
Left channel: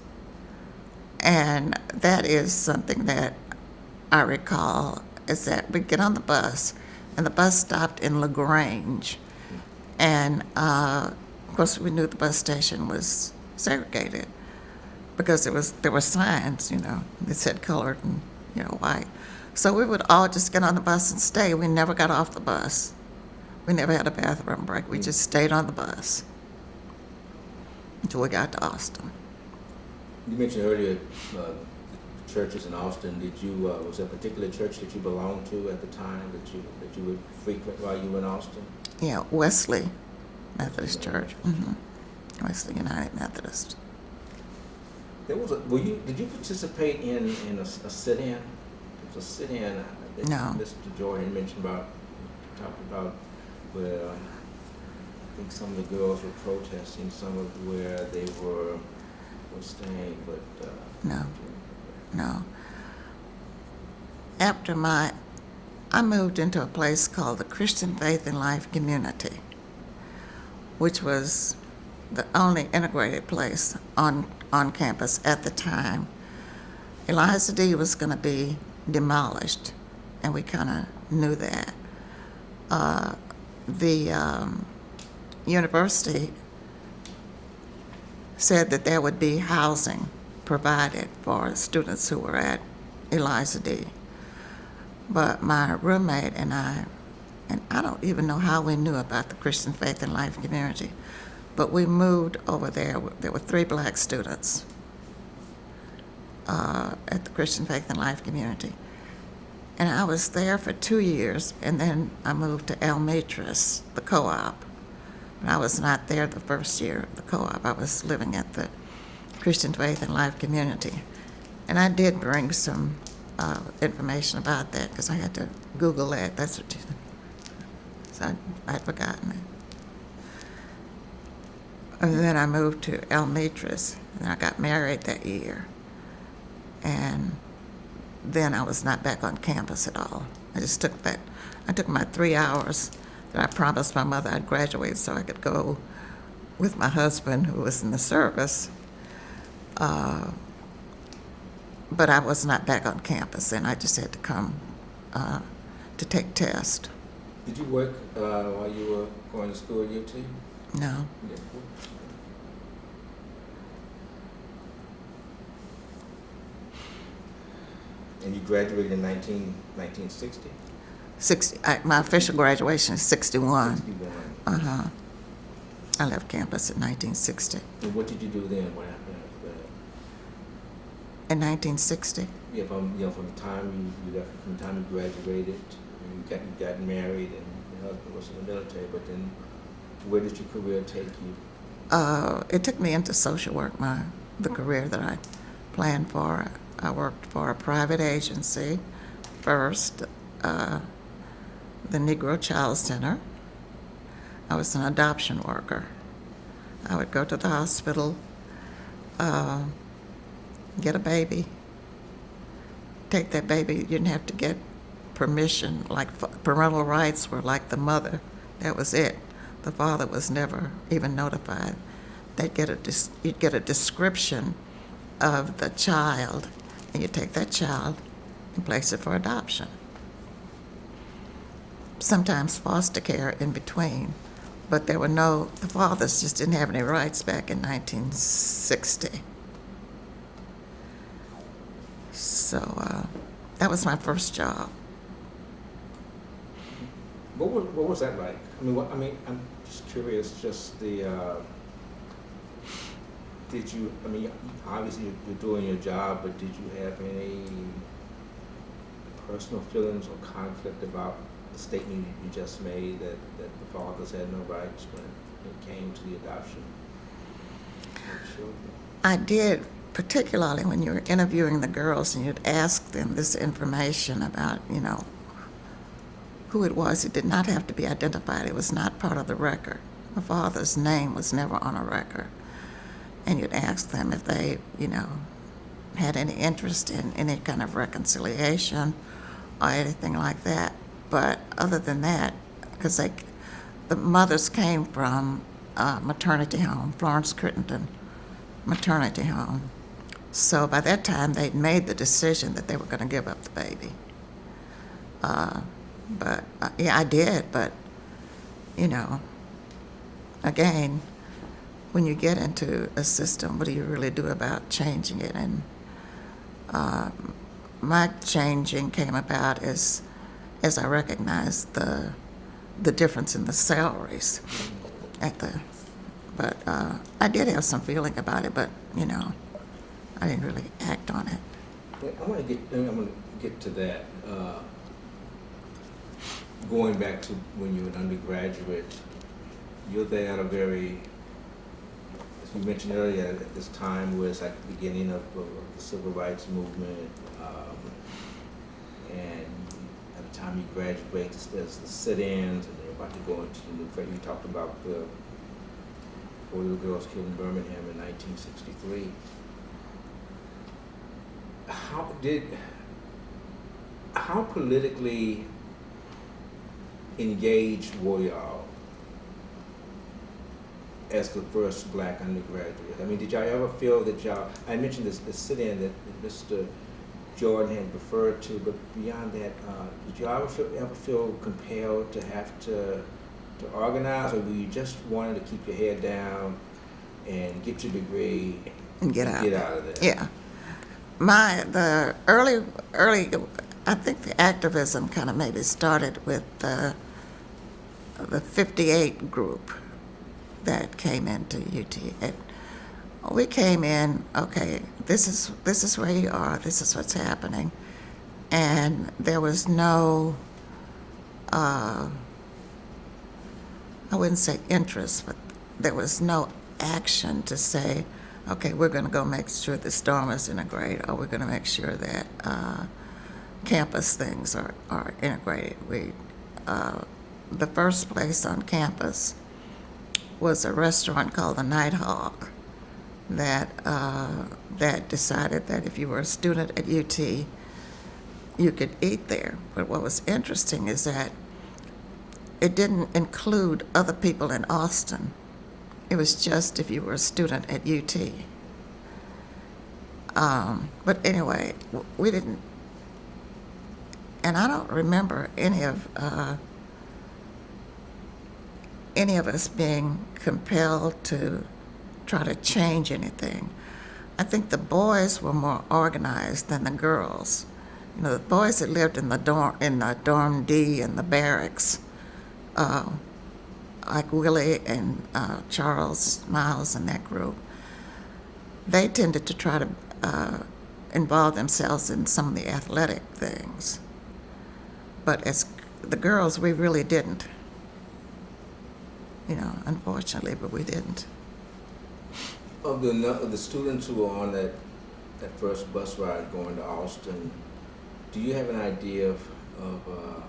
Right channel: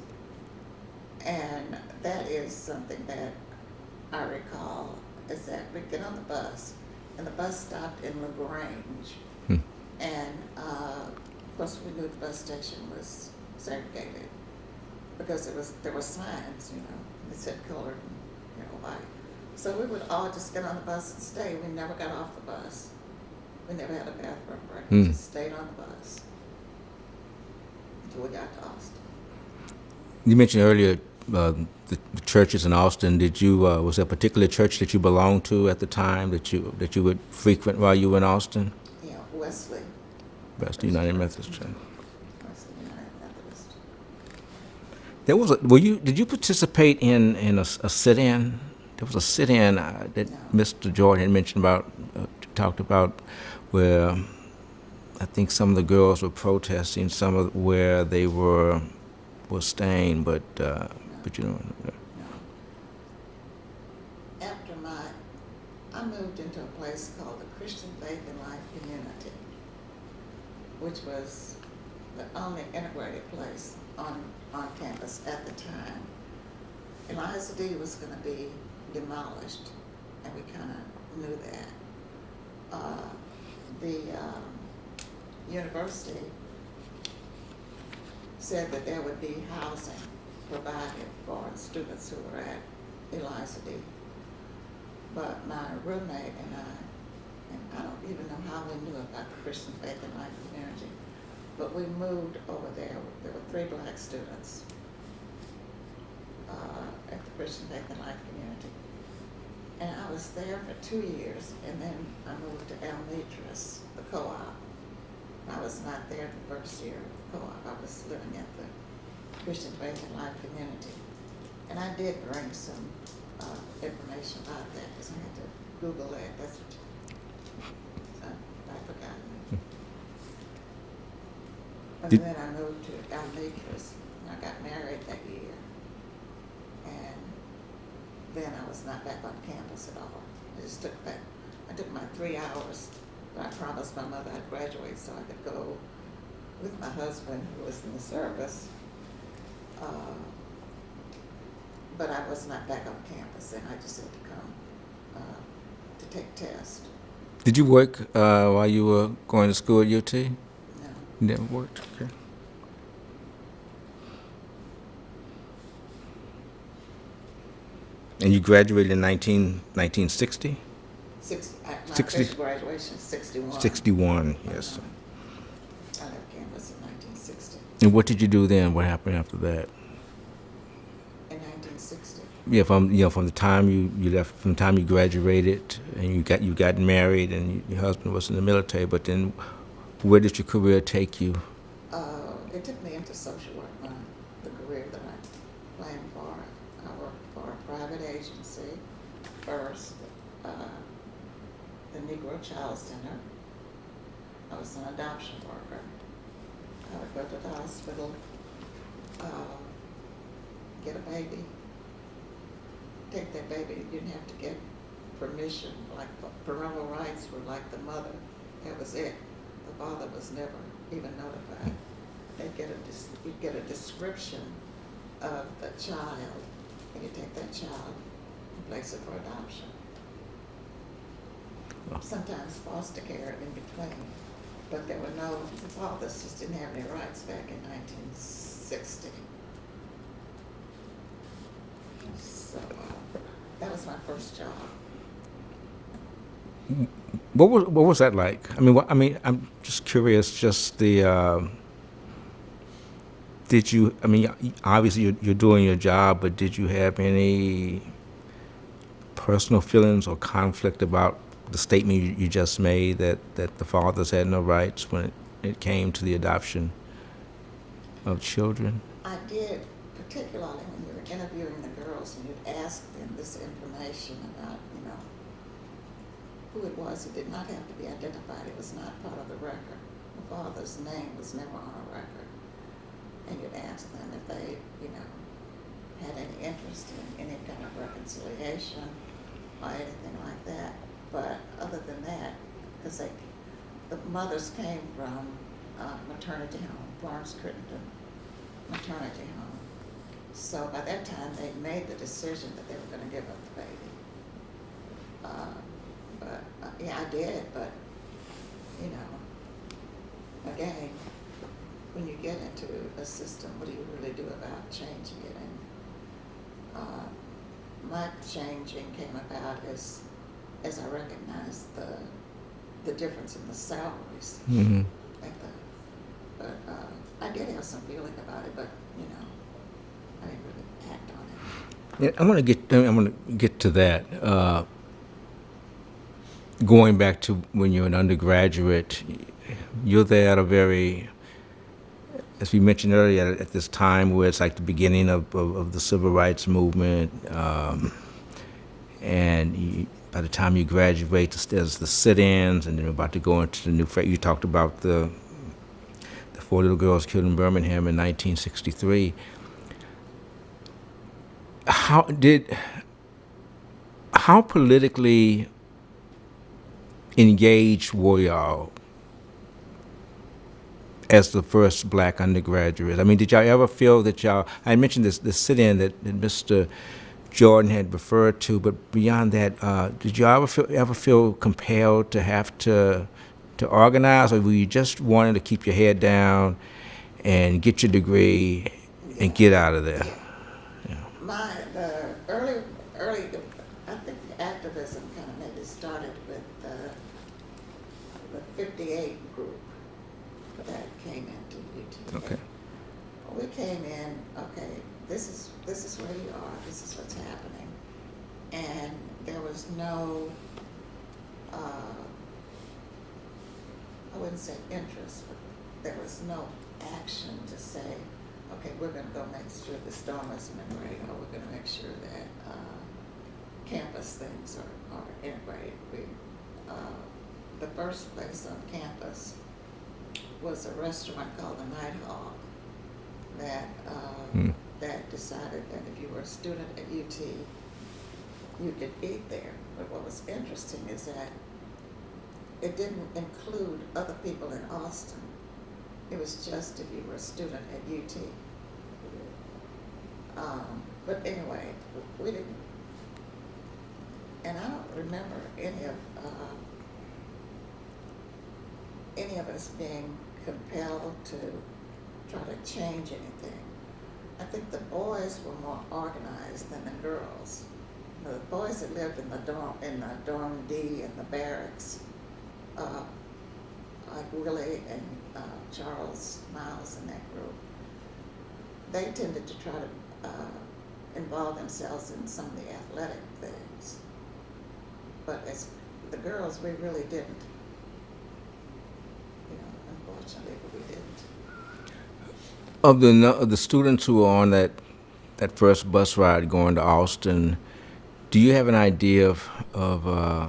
And that is something that I recall, is that we'd get on the bus, and the bus stopped in LaGrange. And, of course, we knew the bus station was segregated because there were signs, that said colored and, white. So we would all just get on the bus and stay. We never got off the bus. We never had a bathroom break. We just stayed on the bus until we got to Austin. You mentioned earlier the churches in Austin. Did you was there a particular church that you belonged to at the time that you would frequent while you were in Austin? Yeah, Wesley Methodist United Church. Methodist Church. Wesley United Methodist. There was did you participate in a sit-in? There was a sit-in that No. Mr. Jordan had mentioned about, talked about, where I think some of the girls were protesting where they were staying, but No. but No. After I moved into a place called the Christian Faith and Life Community, which was the only integrated place on campus at the time. Eliza D was going to be demolished, and we kind of knew that. The university said that there would be housing provided for students who were at Eliza D. But my roommate and I don't even know how we knew about the Christian Faith and Life Community, but we moved over there. There were 3 black students at the Christian Faith and Life Community. And I was there for 2 years, and then I moved to El Mitras, the co-op. And I was not there the first year of the co-op. I was living at the Christian Faith and Life Community. And I did bring some information about that because I had to Google that. That's what so I'd forgotten it. And then I moved to El Mitras, and I got married that year. And then I was not back on campus at all. I just took that. I took my 3 hours that I promised my mother I'd graduate so I could go with my husband, who was in the service. But I was not back on campus, and I just had to come to take tests. Did you work while you were going to school at UT? No. You never worked? Okay. And you graduated in 1960? My 60. official graduation is 61. 61. Yes. Uh-huh. I left campus in 1960. And what did you do then? What happened after that? In 1960? Yeah, from the time you left, from the time you graduated, and you got married, and your husband was in the military. But then, where did your career take you It took me into social work, the career that I planned for. I worked for a private agency first, the Negro Child Center. I was an adoption worker. I would go to the hospital, get a baby, take that baby. You didn't have to get permission. Like parental rights were like the mother. That was it. The father was never even notified. You'd get a description of the child, and you take that child and place it for adoption. Sometimes foster care in between, but the fathers just didn't have any rights back in 1960. So that was my first job. What was that like? I'm just curious. Just the did you? I mean, obviously you're doing your job, but did you have any personal feelings or conflict about the statement you just made that the fathers had no rights when it came to the adoption of children? I did, particularly when you were interviewing the girls and you'd ask them this information about, who it was. It did not have to be identified. It was not part of the record. The father's name was never on a record. And you'd ask them if they, had any interest in any kind of reconciliation or anything like that. But other than that, because the mothers came from maternity home, Florence Crittenden maternity home. So by that time, they'd made the decision that they were going to give up the baby. But yeah, I did. But, again, when you get into a system, what do you really do about changing it? And my changing came about as I recognized the difference in the salaries but I did have some feeling about it, but I didn't really act on it. Yeah, I'm gonna get to that. Going back to when you're an undergraduate, you're there at a very, as we mentioned earlier, at this time where it's like the beginning of the civil rights movement, by the time you graduate, there's the sit-ins, and then we're about to go into the new. You talked about the 4 little girls killed in Birmingham in 1963. How politically engaged were y'all as the first black undergraduates? I mean, did y'all ever feel that I mentioned this sit-in that Mr. Jordan had referred to, but beyond that, did y'all ever feel compelled to have to organize, or were you just wanting to keep your head down and get your degree and get out of there? Yeah. The early, I think the activism kind of maybe started with the 58 group that came into UT. Okay. And we came in, okay, this is where you are, this is what's happening. And there was no, I wouldn't say interest, but there was no action to say, okay, we're going to go make sure the dormers integrate, or we're going to make sure that campus things are integrated. The first place on campus was a restaurant called the Nighthawk that decided that if you were a student at UT, you could eat there. But what was interesting is that it didn't include other people in Austin. It was just if you were a student at UT. But anyway, we didn't, and I don't remember any of us being compelled to try to change anything. I think the boys were more organized than the girls. The boys that lived in the dorm D and the barracks, like Willie and Charles Miles and that group, they tended to try to involve themselves in some of the athletic things. But as the girls, we really didn't. Unfortunately, but we didn't. Of the students who were on that first bus ride going to Austin, do you have an idea I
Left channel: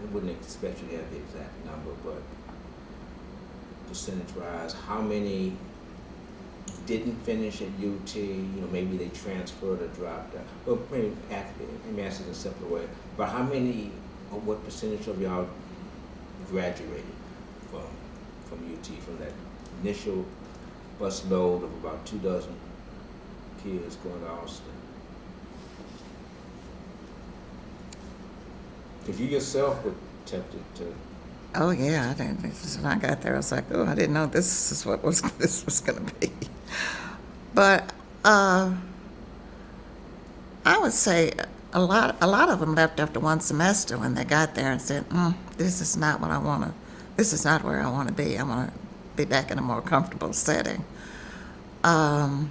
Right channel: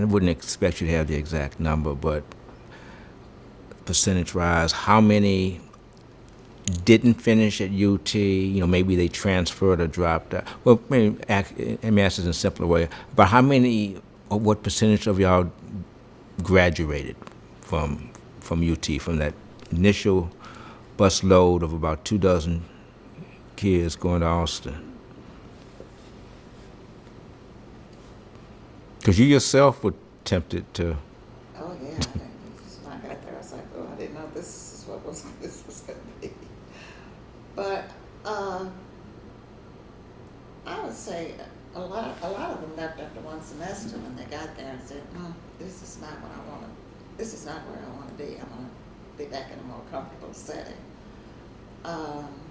wouldn't expect you to have the exact number, but percentage-wise, how many didn't finish at UT? Maybe they transferred or dropped out. Well, let me ask this in a simpler way. But how many, or what percentage of y'all graduated from UT, from that initial bus load of about 24 kids going to Austin? Because you yourself were tempted to. Oh, yeah, I didn't, when I got there, I was like, oh, I didn't know this is what this was going to be. But I would say a lot of them left after one semester when they got there and said, this is not what I want to, this is not where I want to be. I want to be back in a more comfortable setting. But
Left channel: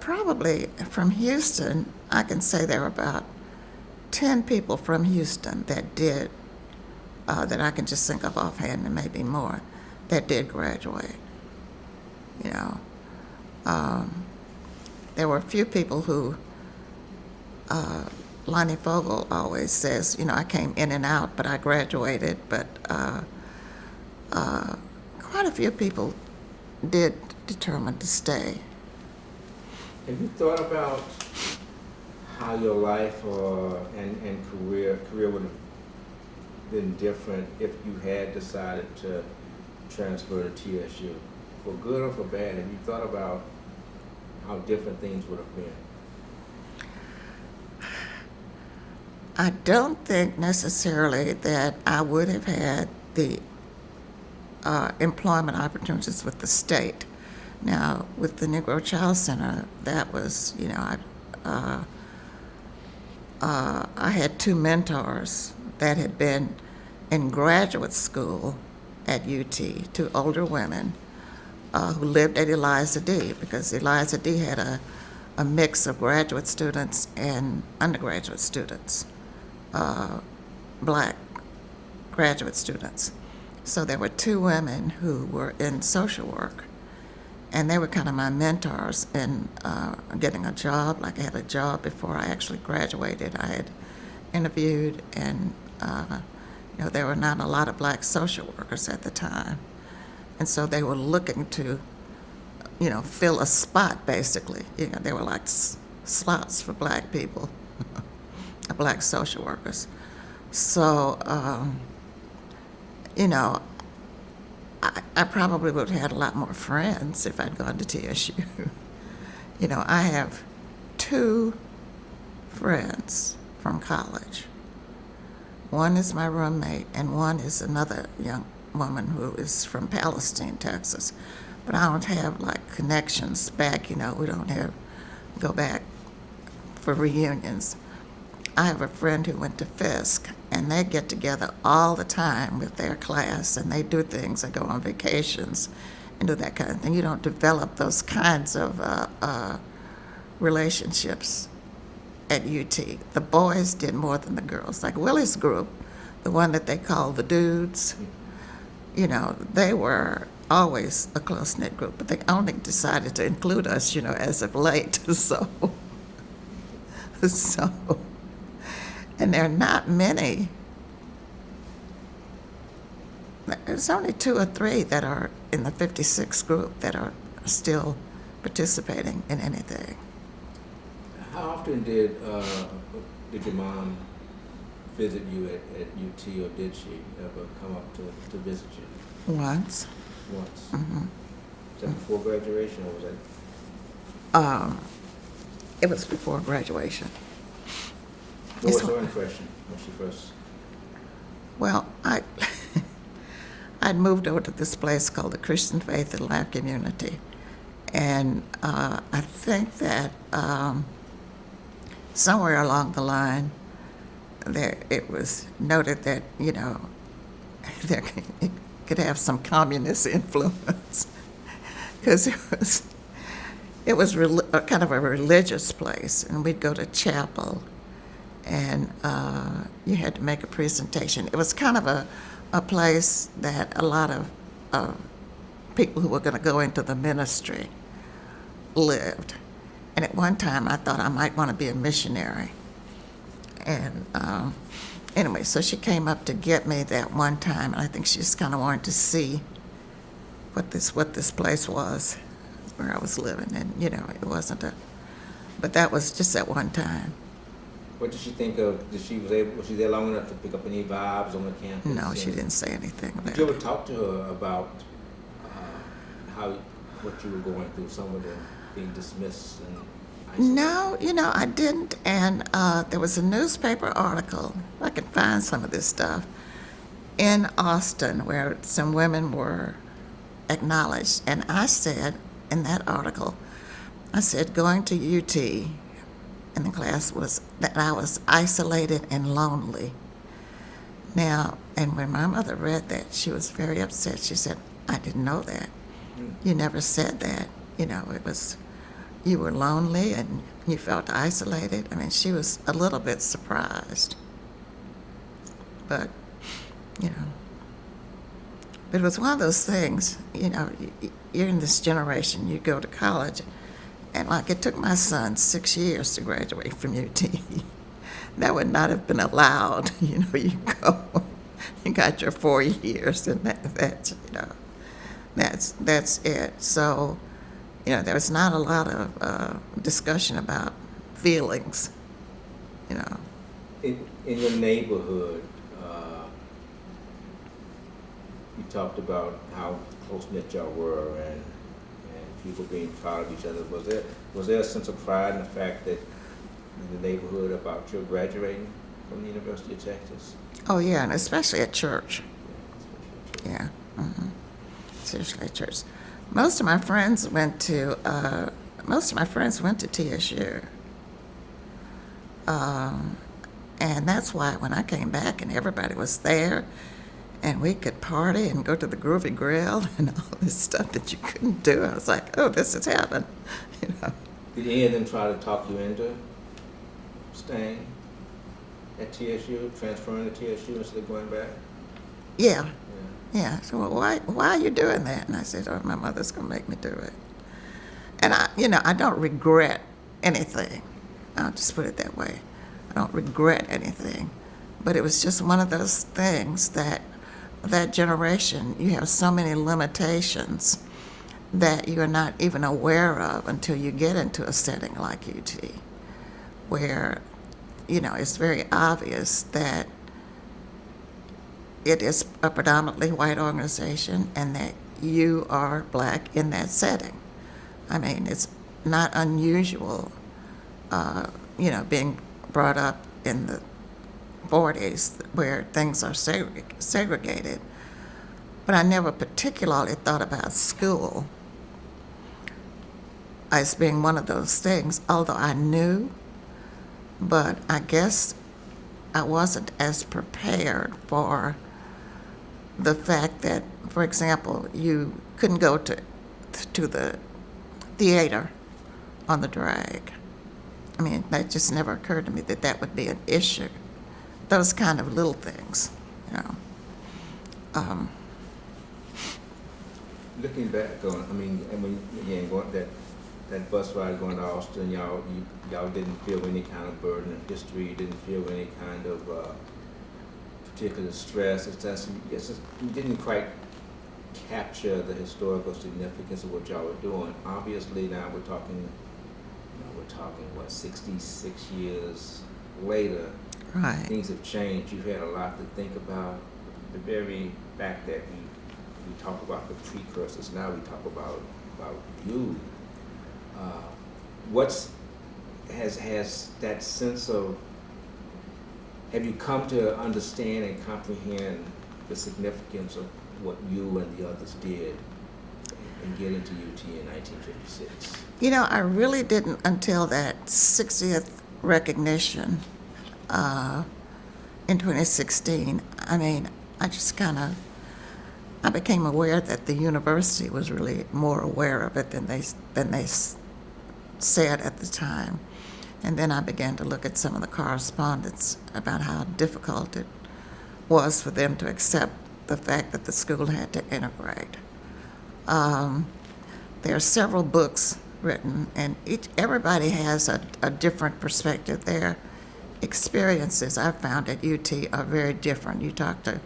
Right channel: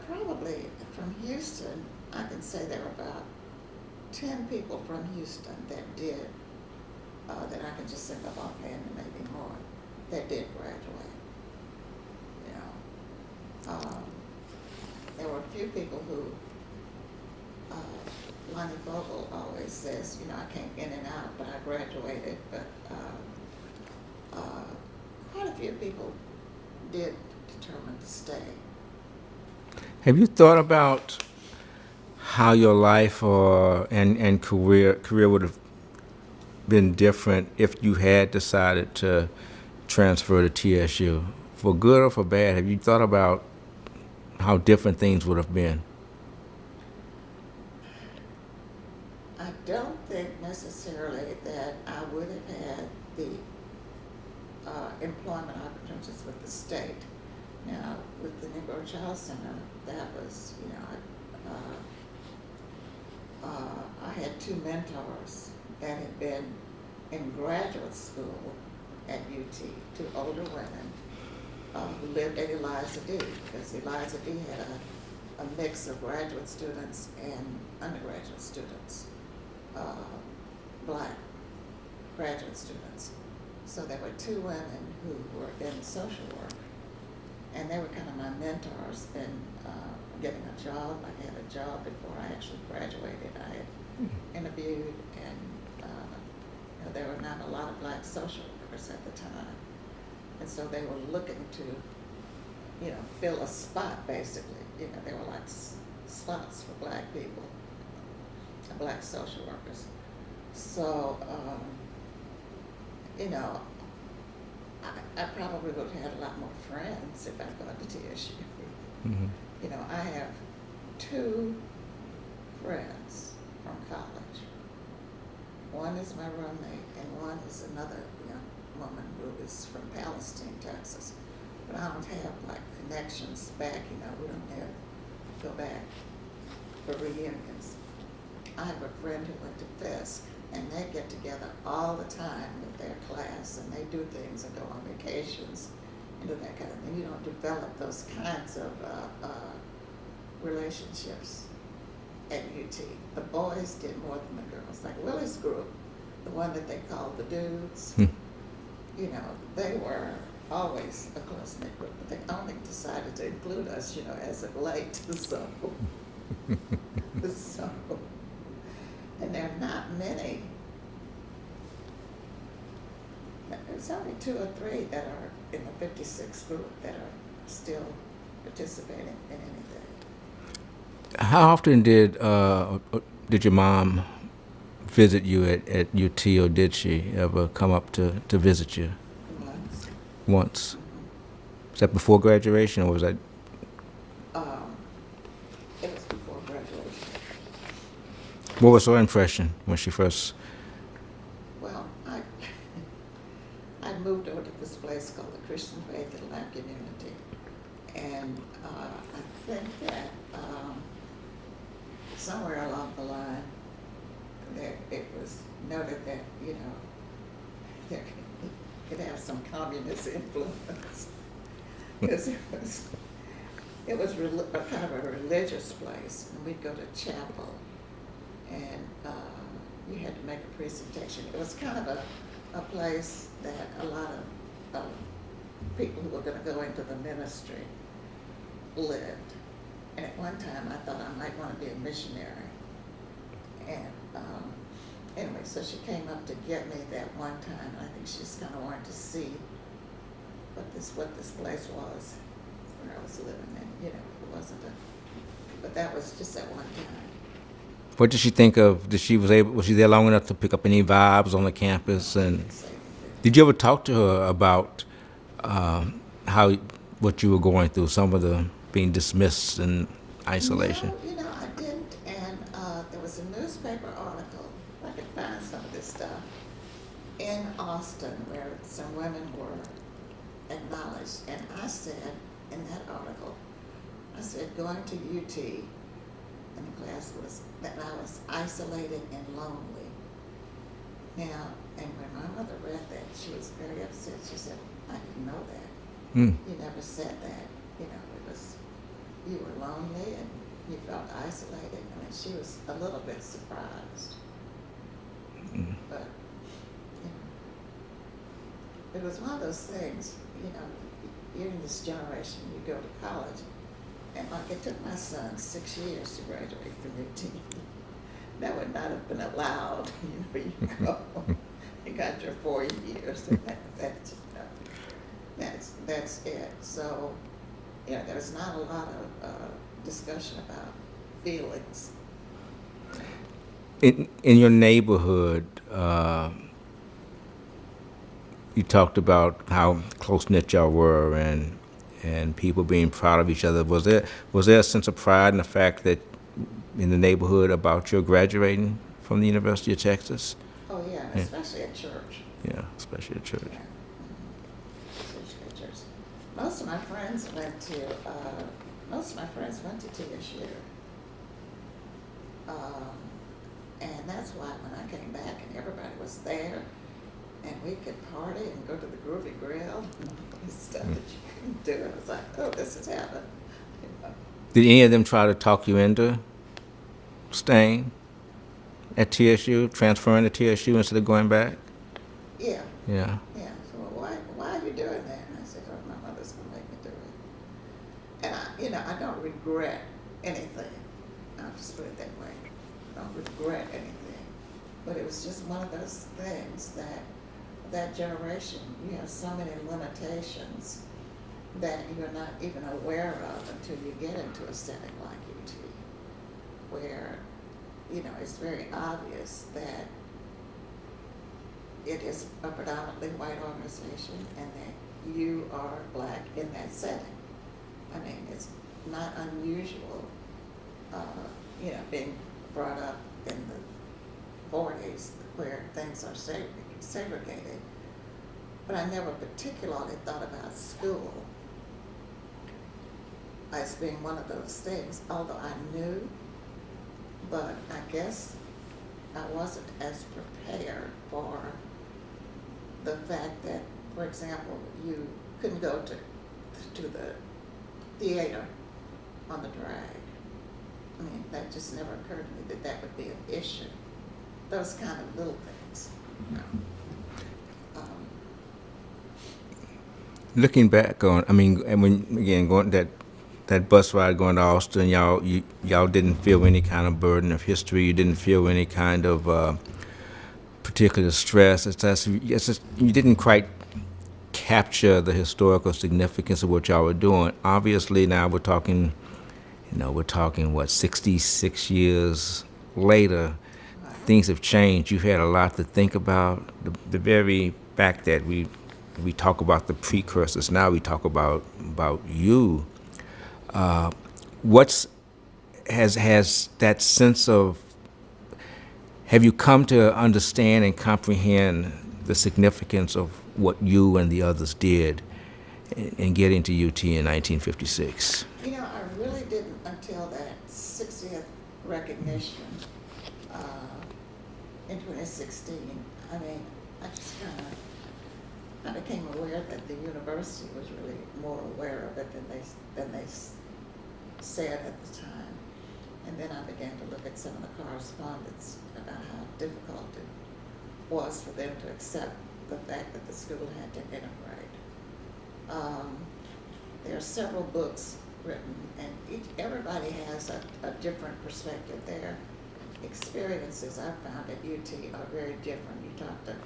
probably from Houston, I can say there were about 10 people from Houston that did, that I can just think of offhand, and maybe more, that did graduate. There were a few people who, Lonnie Fogel always says, I came in and out, but I graduated. But quite a few people did determine to stay. Have you thought about how your life and career would have been different if you had decided to transfer to TSU? For good or for bad, have you thought about how different things would have been? I don't think necessarily that I would have had the employment opportunities with the state. Now, with the Negro Child Center, that was, I had two mentors that had been in graduate school at UT, two older women who lived at Eliza D, because Eliza D had a mix of graduate students and undergraduate students, black graduate students. So there were two women who were in social work, and they were kind of my mentors in getting a job. Like, I had a job before I actually graduated. I had interviewed, and there were not a lot of black social workers at the time. And so they were looking to, fill a spot, basically. They were like slots for black people, black social workers. So, I probably would have had a lot more friends if I'd gone to TSU. Mm-hmm. I have two friends from college. One is my roommate, and one is another young woman who is from Palestine, Texas. But I don't have connections back. We don't go back for reunions. I have a friend who went to Fisk, and they get together all the time with their class, and they do things. They go on vacations and do that kind of thing. You don't develop those kinds of relationships at UT. The boys did more than the girls. Like Willie's group, the one that they call the dudes, they were always a close-knit group, but they only decided to include us, as of late. So, and there are not many. There's only 2 or 3 that are in the 56 group that are still participating in anything. How often did your mom visit you at UT, or did she ever come up to visit you? Once. Once? Mm-hmm. Was that before graduation, or was that? It was before graduation. What was her impression when she first? Well, I'd moved over to this place called the Christian Faith and Life Community, and I think that somewhere along the line, it was noted that there it could have some communist influence, because it was kind of a religious place, and we'd go to chapel, and you had to make a presentation. It was kind of a place that a lot of people who were going to go into the ministry lived. And at one time, I thought I might want to be a missionary. And anyway, so she came up to get me that one time, and I think she just kind of wanted to see what this place was, where I was living. And, it wasn't but that was just at one time. What did she think of? Was she there long enough to pick up any vibes on the campus? No, she didn't say anything. Did you ever talk to her about what you were going through, some of the being dismissed and isolation? No, I didn't. And there was a newspaper article, if I could find some of this stuff, in Austin where some women were acknowledged. And I said in that article, going to UT in the class was that I was isolated and lonely. Now, and when my mother read that, she was very upset. She said, I didn't know that. You never said that. It was, you were lonely and you felt isolated. I mean, she was a little bit surprised. But, but it was one of those things, you're in this generation, you go to college, and like it took my son 6 years to graduate from UT. That would not have been allowed. You go, you got your 4 years, and that's it. So, there was not a lot of discussion about feelings. In your neighborhood, you talked about how close knit y'all were, and people being proud of each other. Was there a sense of pride in the fact that in the neighborhood about your graduating from the University of Texas? Oh yeah, and especially at church. Yeah, especially at church. Yeah, especially at church. Most of my friends went to TSU, and that's why when I came back and everybody was there, and we could party and go to the Groovy Grill and all this stuff that you couldn't do, I was like, oh, this is heaven. Did any of them try to talk you into staying at TSU, transferring to TSU instead of going back? Yeah. Yeah. Yeah. So why are you doing that? And I said, oh, my mother's gonna make me do it. And I don't regret anything. I'll just put it that way. I don't regret anything. But it was just one of those things that generation, you have so many limitations that you are not even aware of until you get into a setting like UT, where, it's very obvious that it is a predominantly white organization and that you are black in that setting. I mean, it's not unusual, being brought up in the 40s where things are segregated. But I never particularly thought about school as being one of those things, although I knew, but I guess I wasn't as prepared for the fact that, for example, you couldn't go to the theater on the drag. I mean, that just never occurred to me that would be an issue. Those kind of little things, Looking back on, and when again going that bus ride going to Austin, y'all didn't feel any kind of burden of history. You didn't feel any kind of particular stress. It's just you didn't quite capture the historical significance of what y'all were doing. Obviously, now we're talking what 66 years later. right. Things have changed. You've had a lot to think about. The very fact that we talk about the precursors, now we talk about you. Has that sense of, have you come to understand and comprehend the significance of what you and the others did in getting to UT in 1956? I really didn't until that 60th recognition in 2016. I mean, I became aware that the university was really more aware of it than they said at the time. And then I began to look at some of the correspondence about how difficult it was for them to accept the fact that the school had to integrate. There are several books written, and everybody has a different perspective. Their experiences, I found at UT, are very different. You talk to,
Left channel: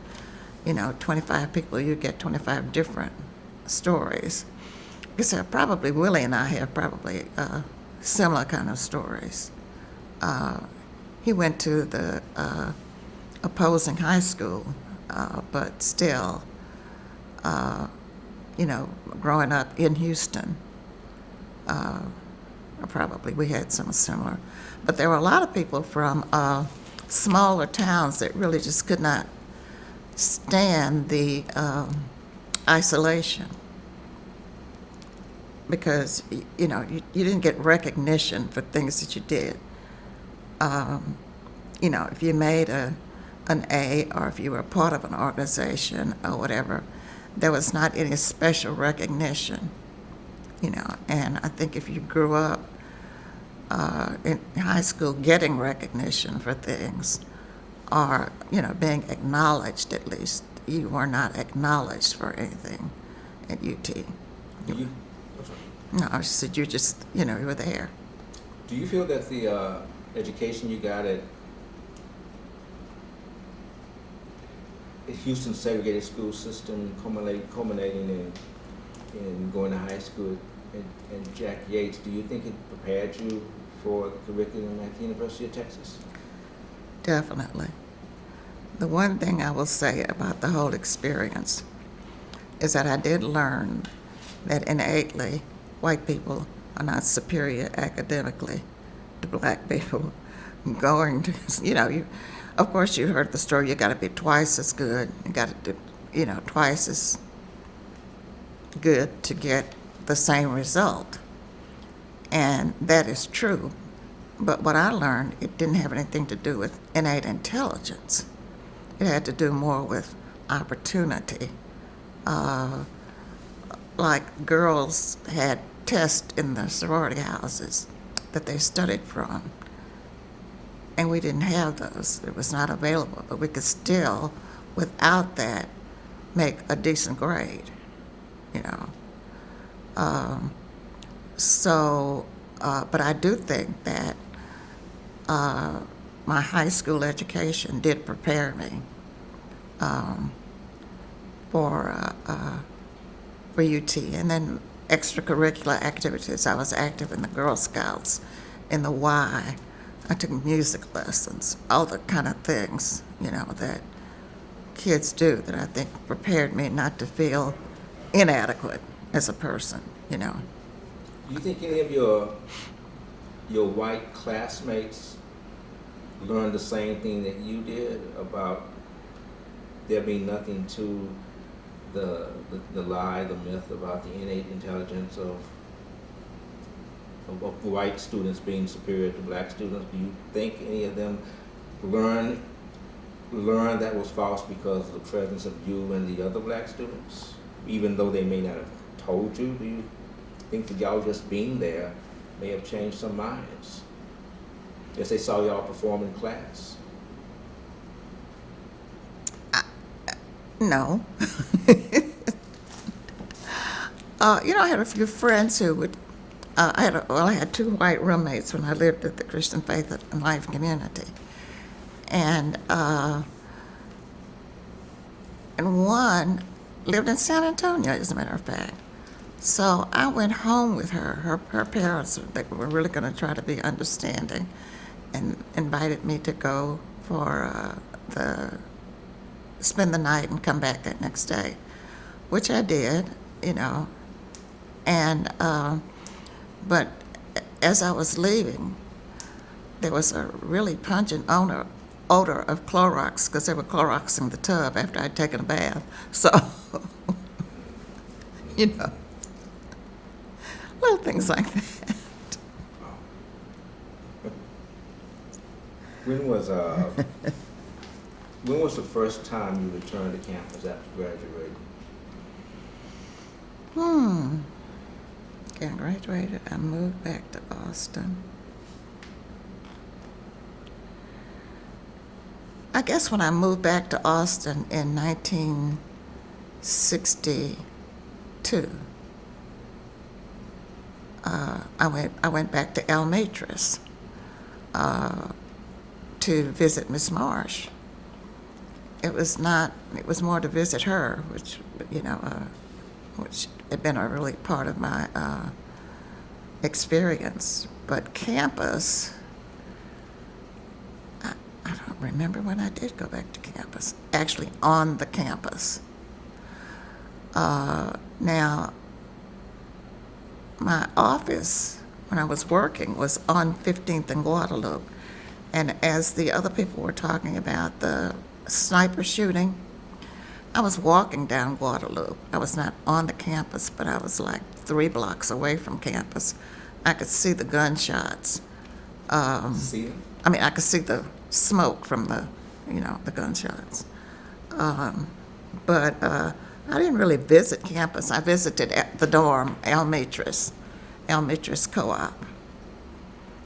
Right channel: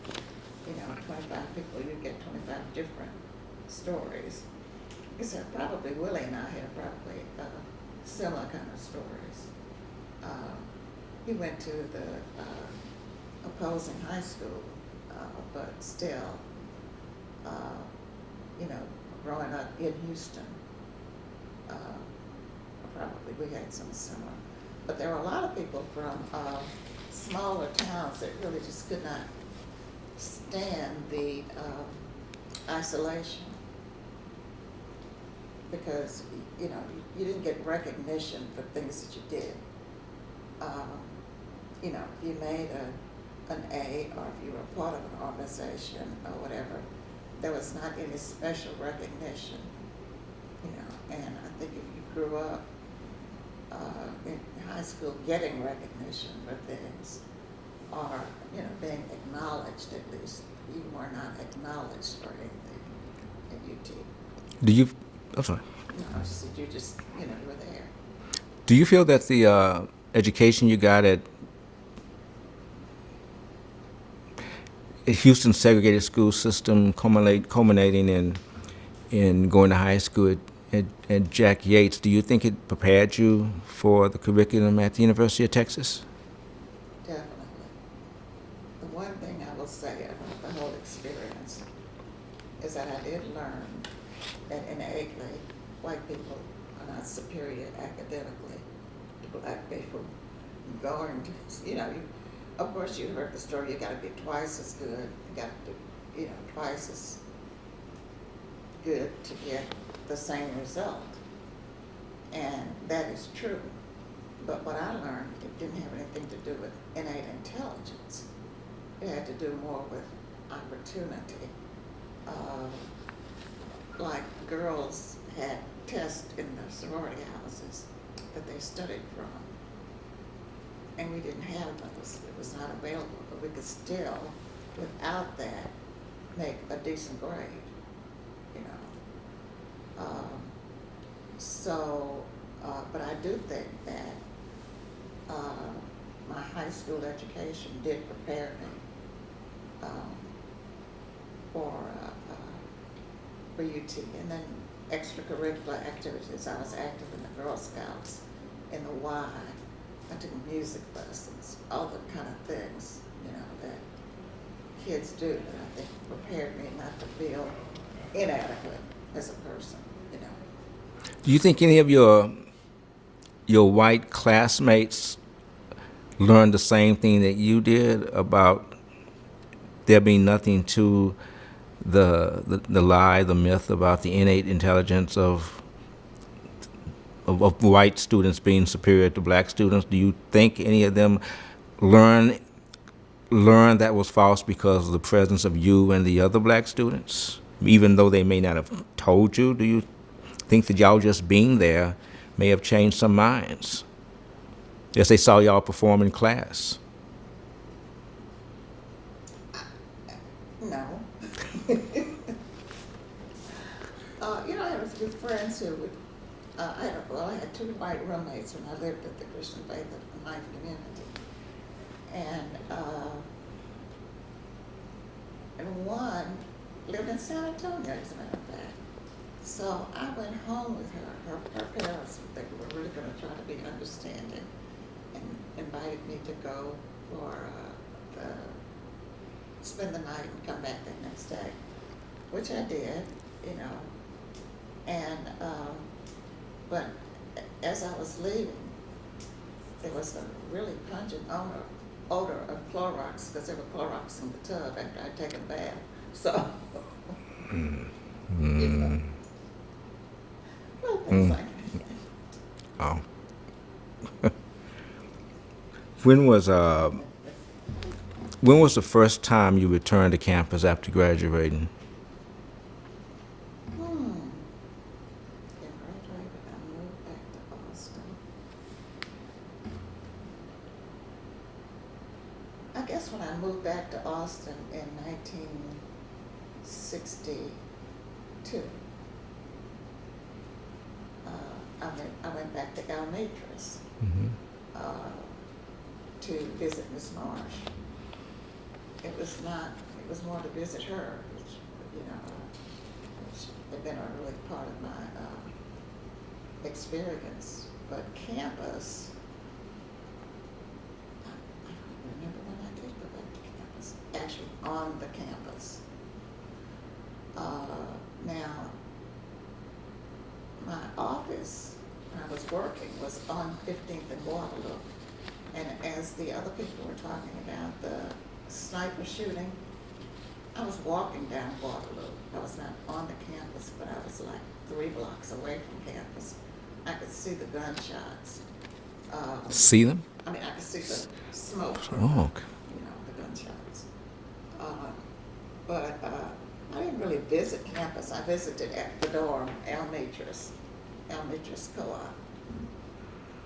25 people, you get 25 different stories. Because probably Willie and I have probably similar kind of stories. He went to the opposing high school, but still, growing up in Houston, probably we had some similar. But there were a lot of people from smaller towns that really just could not stand the isolation because, you didn't get recognition for things that you did. If you made an A or if you were part of an organization or whatever, there was not any special recognition, and I think if you grew up in high school getting recognition for things or, being acknowledged at least, you were not acknowledged for anything at UT. I'm sorry. No, I said you just, you were there. Do you feel that the education you got at Houston segregated school system culminating in going to high school at Jack Yates, do you think it prepared you for the curriculum at the University of Texas? Definitely. The one thing I will say about the whole experience is that I did learn that innately white people are not superior academically to black people. Going to, of course you heard the story, you got to be twice as good, you got to do, twice as good to get the same result. And that is true. But what I learned, it didn't have anything to do with innate intelligence. It had to do more with opportunity. Like girls had tests in the sorority houses that they studied from. And we didn't have those. It was not available. But we could still, without that, make a decent grade, but I do think that my high school education did prepare me for UT. And then extracurricular activities. I was active in the Girl Scouts, in the Y. I took music lessons, all the kind of things, that kids do that I think prepared me not to feel inadequate as a person, Do you think any of your white classmates learned the same thing that you did about there being nothing to the lie, the myth about the innate intelligence of white students being superior to black students? Do you think any of them learned that was false because of the presence of you and the other black students, even though they may not have told you? Do you think that y'all just being there may have changed some minds as they saw y'all perform in class? No. I had a few friends who would. I had two white roommates when I lived at the Christian Faith and Life community, and one lived in San Antonio, as a matter of fact. So I went home with her. Her parents, they were really going to try to be understanding, and invited me to go for spend the night and come back that next day, which I did, and but as I was leaving, there was a really pungent odor of Clorox, because they were Cloroxing the tub after I'd taken a bath. So, little things like that. Oh. When was the first time you returned to campus after graduating? I graduated, I moved back to Austin. I guess when I moved back to Austin in 1962, I went back to El Matris to visit Miss Marsh. It was not. It was more to visit her, which which had been a really part of my experience. But campus, I don't remember when I did go back to campus. Actually, on the campus. Now, my office when I was working was on 15th and Guadalupe, and as the other people were talking about the sniper shooting, I was walking down Guadalupe. I was not on the campus, but I was like 3 blocks away from campus. I could see the gunshots. See them? I mean, I could see the smoke from Oh, the gunshots. But I didn't really visit campus. I visited at the dorm, El Matris Co-op.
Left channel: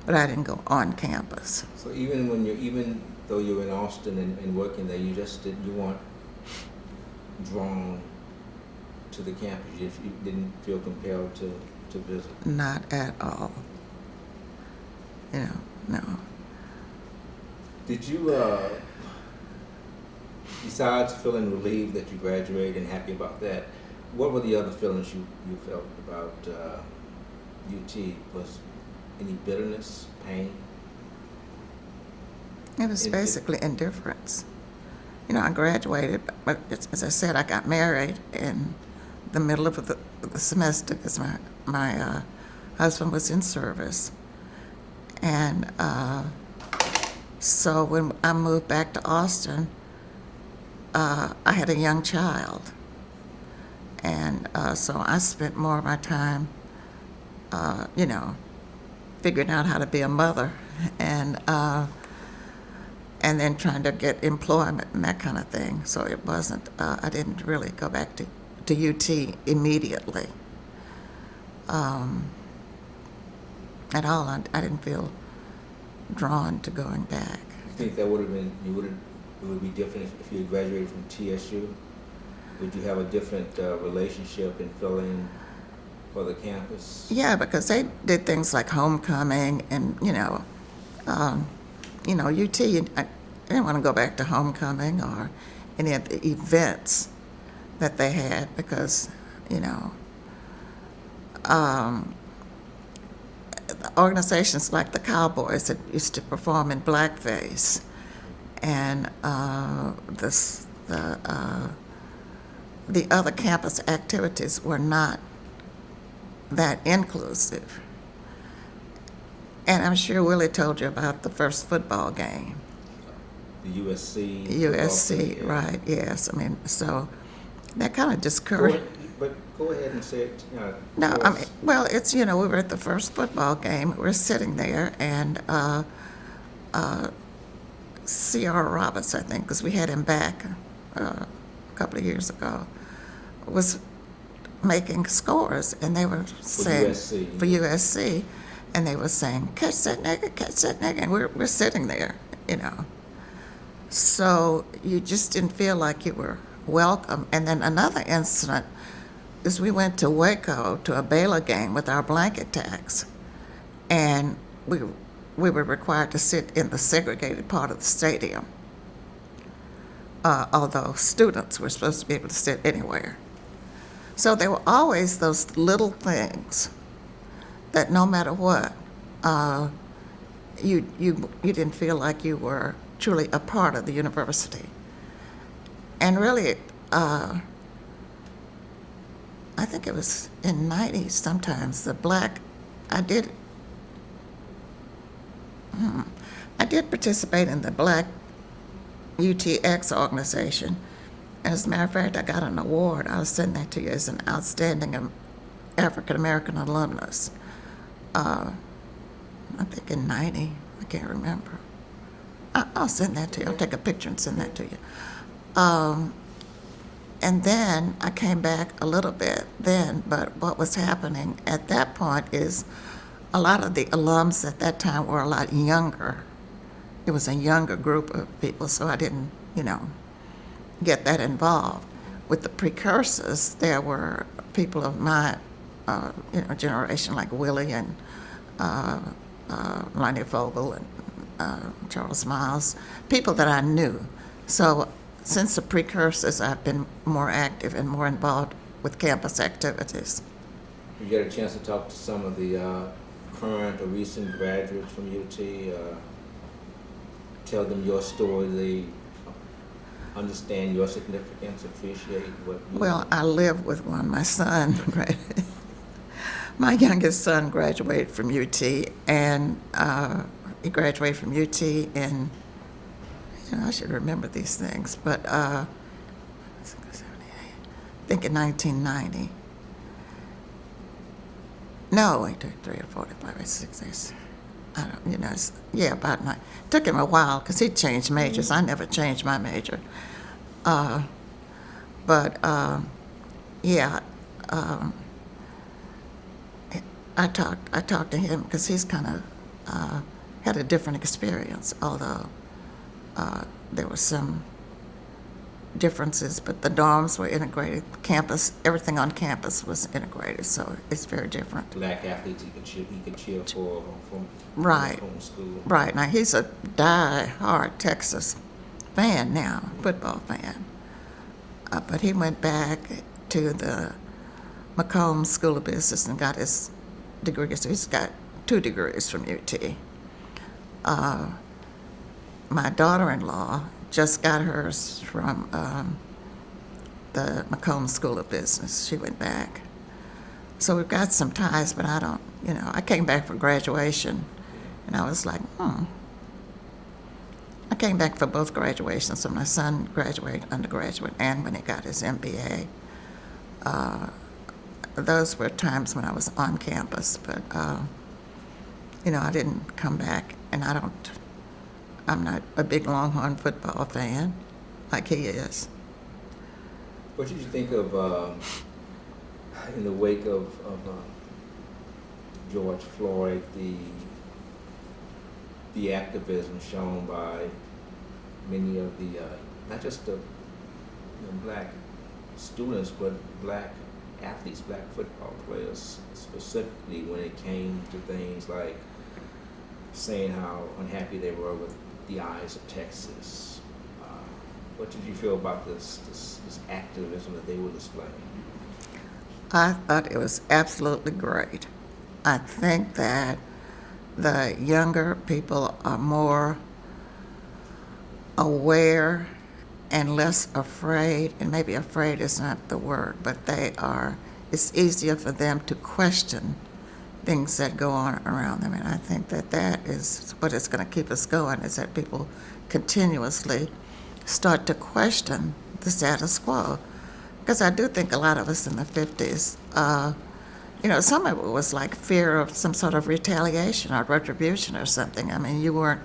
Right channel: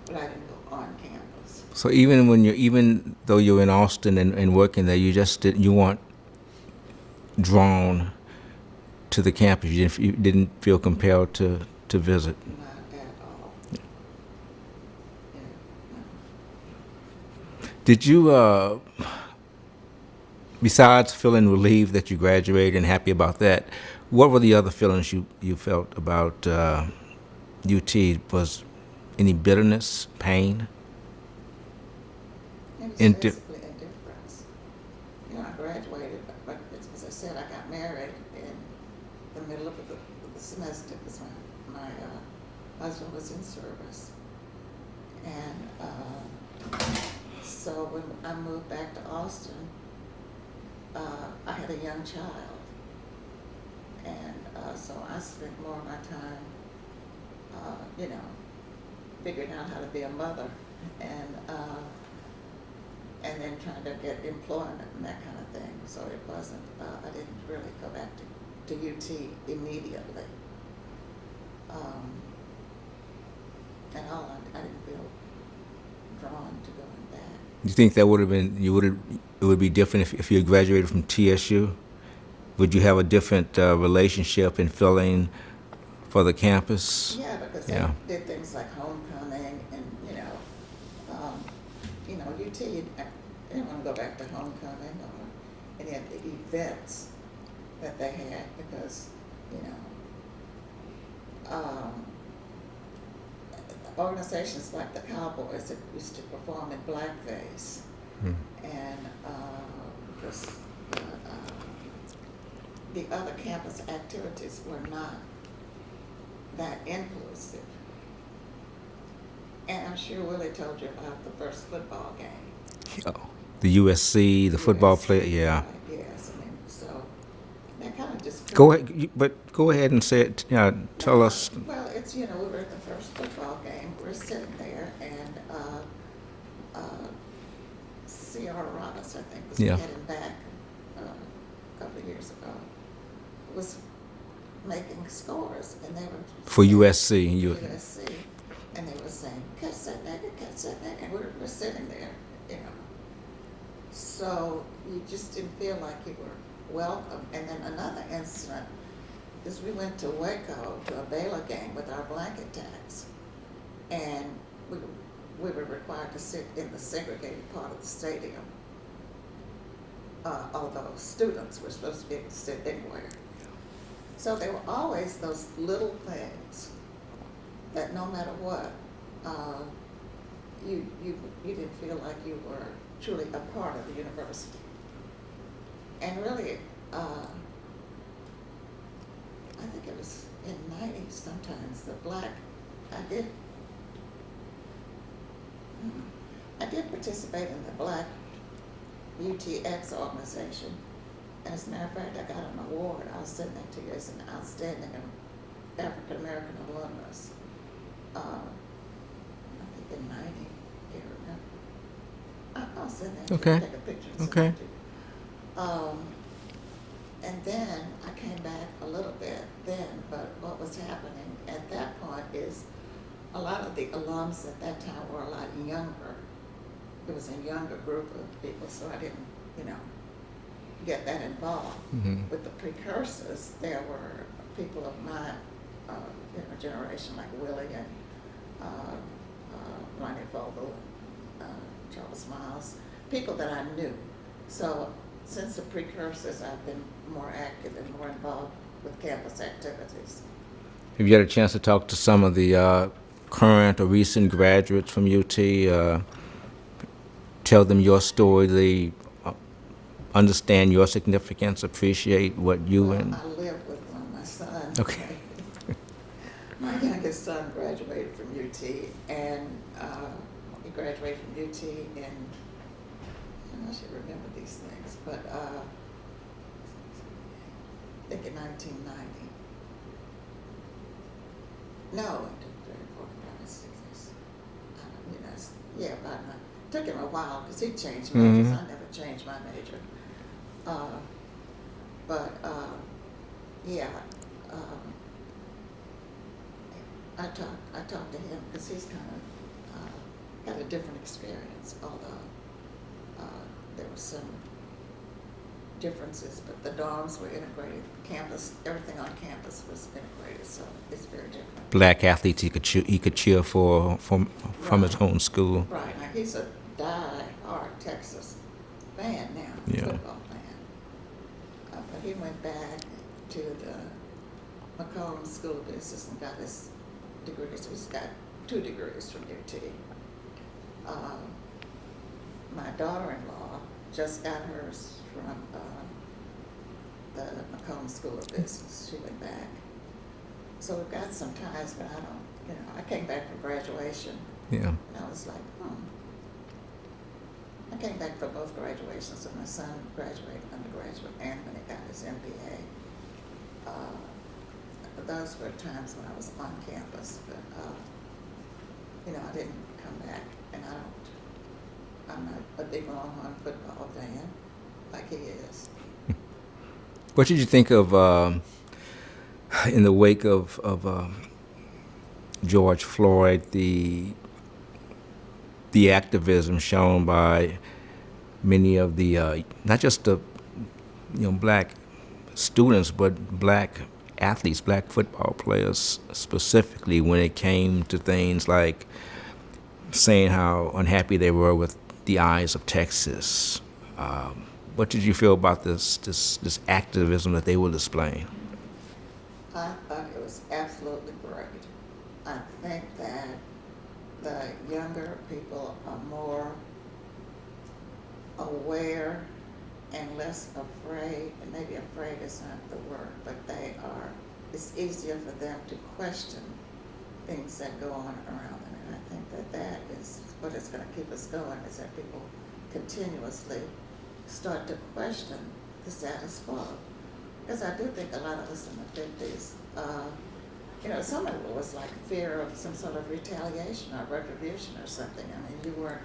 But I didn't go on campus. So even though you're in Austin and working there, you weren't drawn to the campus. You didn't feel compelled to visit. Not at all. No. Did you, besides feeling relieved that you graduated and happy about that, what were the other feelings you felt about UT? Was any bitterness, pain? It was basically indifference. I graduated, but as I said, I got married in the middle of the semester because my husband was in service. And so when I moved back to Austin, I had a young child. And so I spent more of my time, figuring out how to be a mother and then trying to get employment and that kind of thing. So it wasn't, I didn't really go back to UT immediately. At all, I didn't feel drawn to going back. You think that it would be different if you had graduated from TSU? Would you have a different relationship and feeling for the campus? Yeah, because they did things like homecoming and, UT, I didn't want to go back to homecoming or any of the events that they had because, organizations like the Cowboys that used to perform in blackface, and the other campus activities were not that inclusive. And I'm sure Willie told you about the first football game. The USC, the football player, yeah. Right, yes. I mean, so that kind of discouraged. Go ahead and say it. Tell us. Well, it's, we were at the first football game. We're sitting there, and C.R. Roberts, I think, because we had him back a couple of years ago, was making scores, and they were For saying, USC. For USC, and they were saying, catch that nigga, and we're sitting there, So you just didn't feel like you were welcome. And then another incident is we went to Waco to a Baylor game with our blanket tax, and we were required to sit in the segregated part of the stadium, although students were supposed to be able to sit anywhere. So there were always those little things that no matter what, you didn't feel like you were truly a part of the university. And really, I think it was in '90s sometimes, I did participate in the Black UTX organization. And as a matter of fact, I got an award. I'll send that to you as an outstanding African American alumnus. I think in '90, I can't remember. I'll send that to you. I'll take a picture and send that to you. And then I came back a little bit then, but what was happening at that point is a lot of the alums at that time were a lot younger. It was a younger group of people, so I didn't, get that involved. With the precursors, there were people of my generation like Willie and Lonnie Vogel and Charles Miles, people that I knew. So since the precursors, I've been more active and more involved with campus activities. Have you had a chance to talk to some of the current or recent graduates from UT? Tell them your story. They understand your significance, appreciate what you Well, and... I live with one, my son. Okay. My youngest son graduated from UT, and he graduated from UT in, I should remember these things, but I think in 1990. No, wait, 3 or 4, 5 or 6 years. I don't, about nine. It took him a while because he changed majors. I never changed my major. I talked to him because he's kind of had a different experience, although there were some differences, but the dorms were integrated. Campus, everything on campus was integrated, so it's very different. Black athletes he could cheer for from his own school. Right. Now, he's a die-hard Texas fan now, Yeah. football fan. But he went back to the Macomb School of Business and got his degree. So he's got 2 degrees from UT. My daughter-in-law just got hers from the Macomb School of Business. She went back. So we've got some ties, but I don't, I came back for graduation. Yeah. And I was like, I came back for both graduations. So my son graduated undergraduate and when he got his MBA. Those were times when I was on campus, but, I didn't come back, and I'm not a big Longhorn football fan like he is. What did you think of, in the wake of George Floyd, the activism shown by many of the, not just the, black students, but black athletes, black football players specifically, when it came to things like saying how unhappy they were with the eyes of Texas? What did you feel about this activism that they were displaying? I thought it was absolutely great. I think that the younger people are more aware and less afraid, and maybe afraid is not the word, but it's easier for them to question things that go on around them. And I think that is what is going to keep us going, is that people continuously start to question the status quo. Because I do think a lot of us in the 50s, some of it was like fear of some sort of retaliation or retribution or something. I mean, you weren't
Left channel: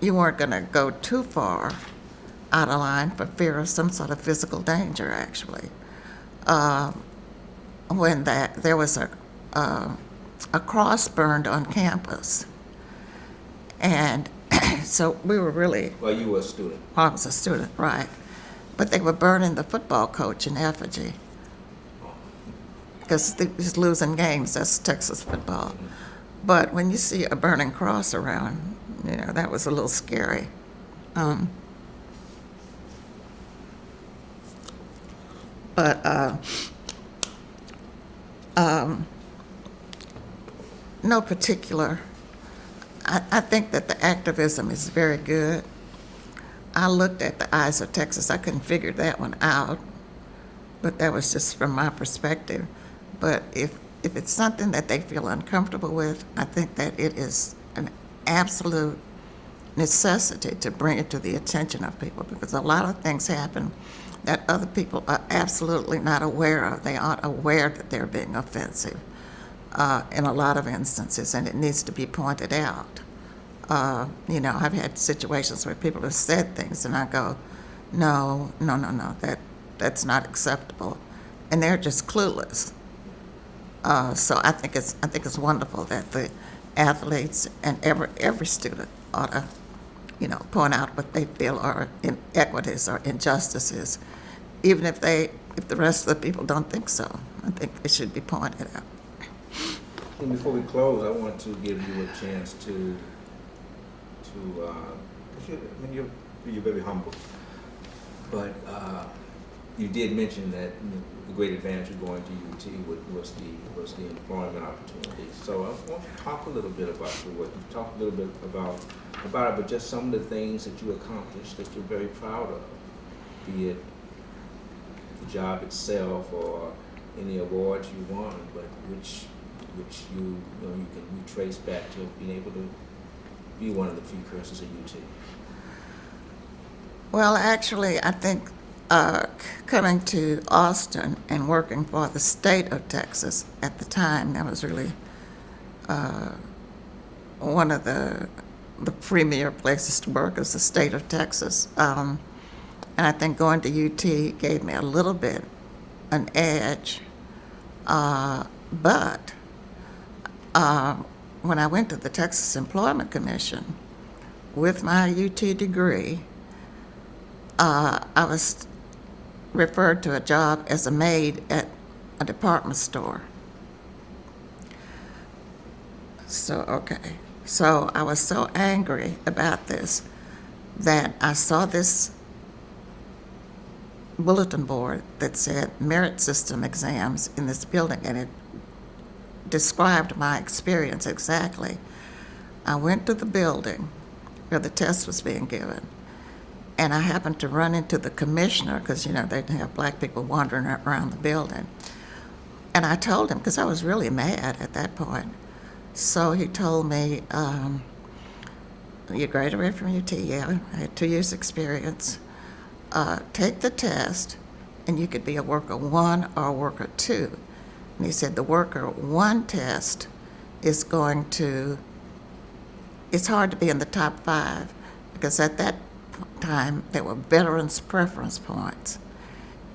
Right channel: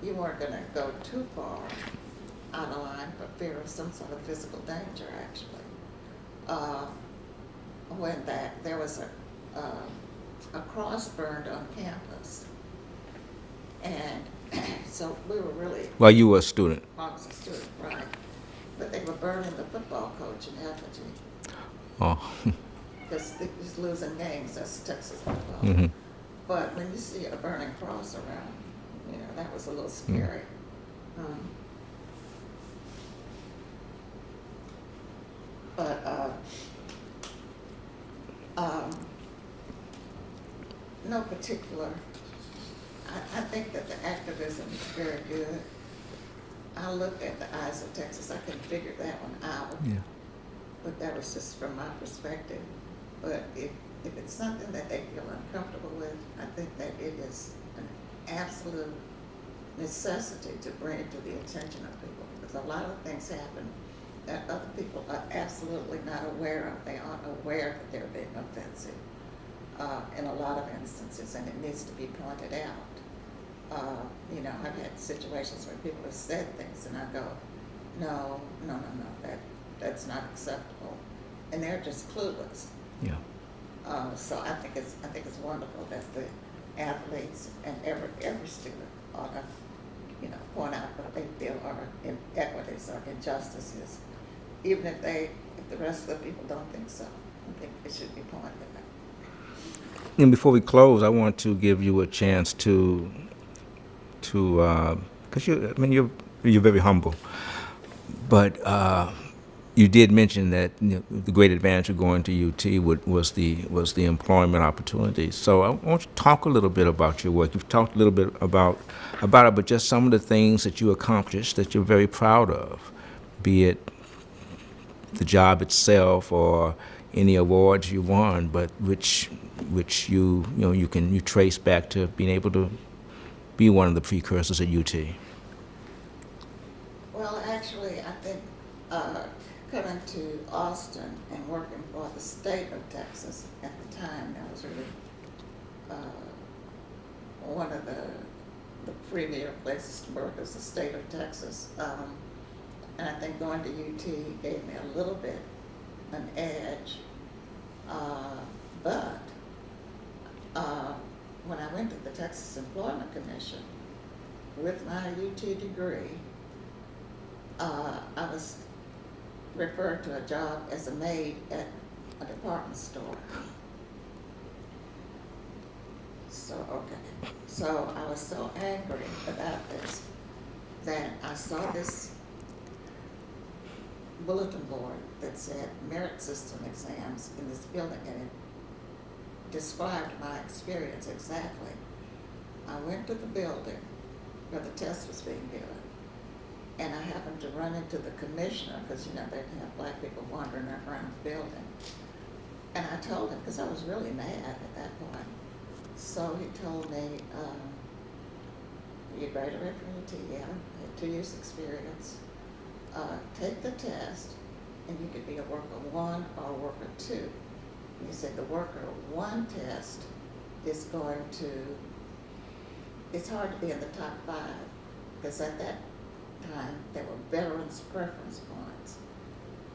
going to go too far out of line for fear of some sort of physical danger, actually. When there was a cross burned on campus. And so we were really... Well, you were a student. I was a student, right. But they were burning the football coach in effigy. Oh. Because he was losing games. That's Texas football. Mm-hmm. But when you see a burning cross around, that was a little scary. No particular. I think that the activism is very good. I looked at the eyes of Texas. I couldn't figure that one out. Yeah. But that was just from my perspective. But if it's something that they feel uncomfortable with, I think that it is an absolute necessity to bring it to the attention of people, because a lot of things happen that other people are absolutely not aware of. They aren't aware that they're being offensive in a lot of instances, and it needs to be pointed out. I've had situations where people have said things, and I go, no, that's not acceptable, and they're just clueless. Yeah. So I think it's wonderful that the athletes and every student ought to, point out what they feel are inequities or injustices, even if the rest of the people don't think so. I think it should be pointed out. And before we close, I want to give you a chance to, because you're very humble, but you did mention that the great advantage of going to UT was the employment opportunities. So I want you to talk a little bit about your work. You've talked a little bit about it, but just some of the things that you accomplished that you're very proud of, be it the job itself or any awards you won, but which you trace back to being able to be one of the precursors at UT. Well, actually, I think coming to Austin and working for the state of Texas at the time, that was really one of the premier places to work is the state of Texas. And I think going to UT gave me a little bit an edge. But when I went to the Texas Employment Commission with my UT degree, I was referred to a job as a maid at a department store. So I was so angry about this that I saw this bulletin board that said merit system exams in this building, and it described my experience exactly. I went to the building where the test was being given, and I happened to run into the commissioner, because they didn't have black people wandering around the building. And I told him, because I was really mad at that point. So he told me, you graduated from UT? Yeah, I had 2 years experience. Take the test, and you could be a worker 1 or a worker 2. And he said the worker 1 test is it's hard to be in the top 5, because at that time there were veterans preference points.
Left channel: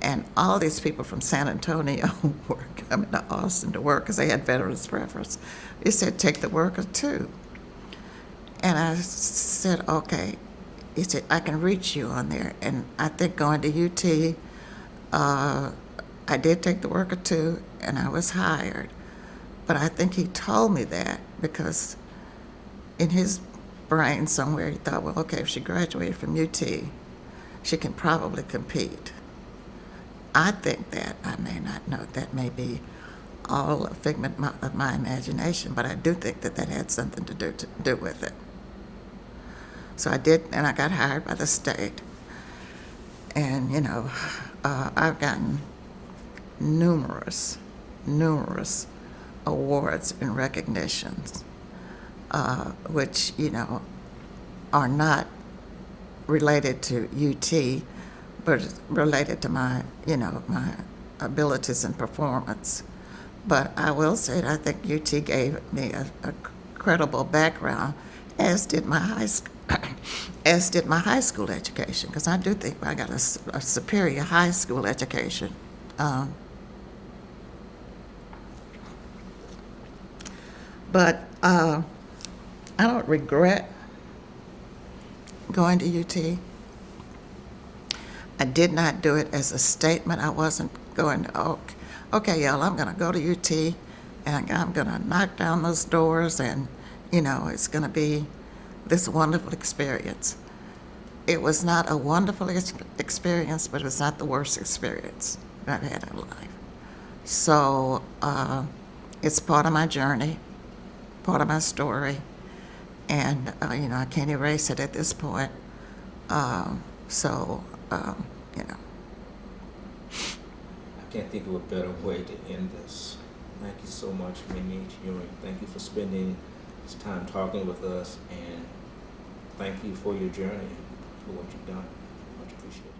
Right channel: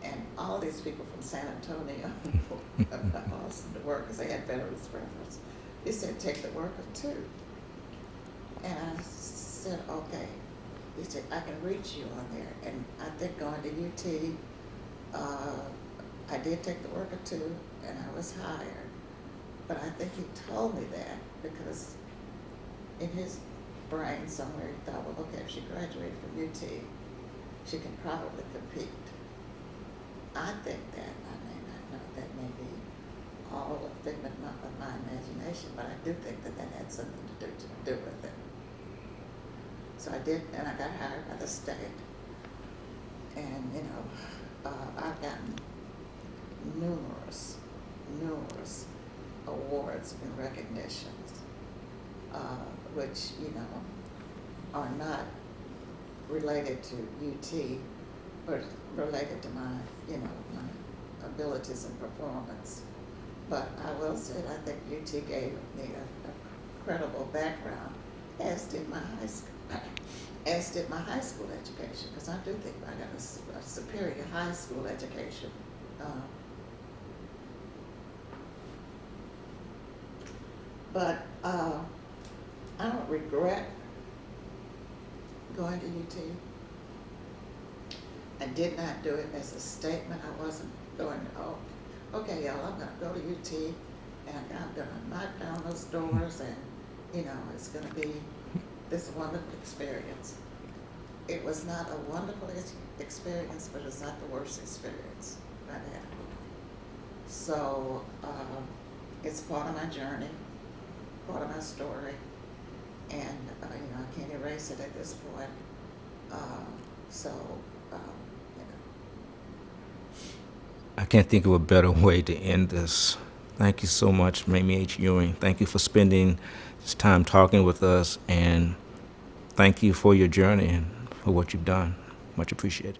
And all these people from San Antonio were coming to Austin to work because they had veterans preference. He said, take the worker 2. And I said, okay. He said, I can reach you on there. And I think going to UT, I did take the worker 2, and I was hired. But I think he told me that because in his brain somewhere he thought, well, okay, if she graduated from UT, she can probably compete. I think that, I may not know, that may be all a figment of my imagination, but I do think that had something to do with it. So I did, and I got hired by the state. And, I've gotten numerous awards and recognitions, which, are not related to UT, but related to my, my abilities and performance. But I will say that I think UT gave me a credible background, as did my high school education, because I do think I got a superior high school education. But I don't regret going to UT. I did not do it as a statement. I wasn't going to, okay, y'all, I'm going to go to UT, and I'm going to knock down those doors, and, it's going to be this wonderful experience. It was not a wonderful experience, but it was not the worst experience I've had in life. So it's part of my journey, part of my story, and, I can't erase it at this point. I can't think of a better way to end this. Thank you so much, Mamie H. Ewing. Thank you for spending this time talking with us, and thank you for your journey and for what you've done. Much appreciated.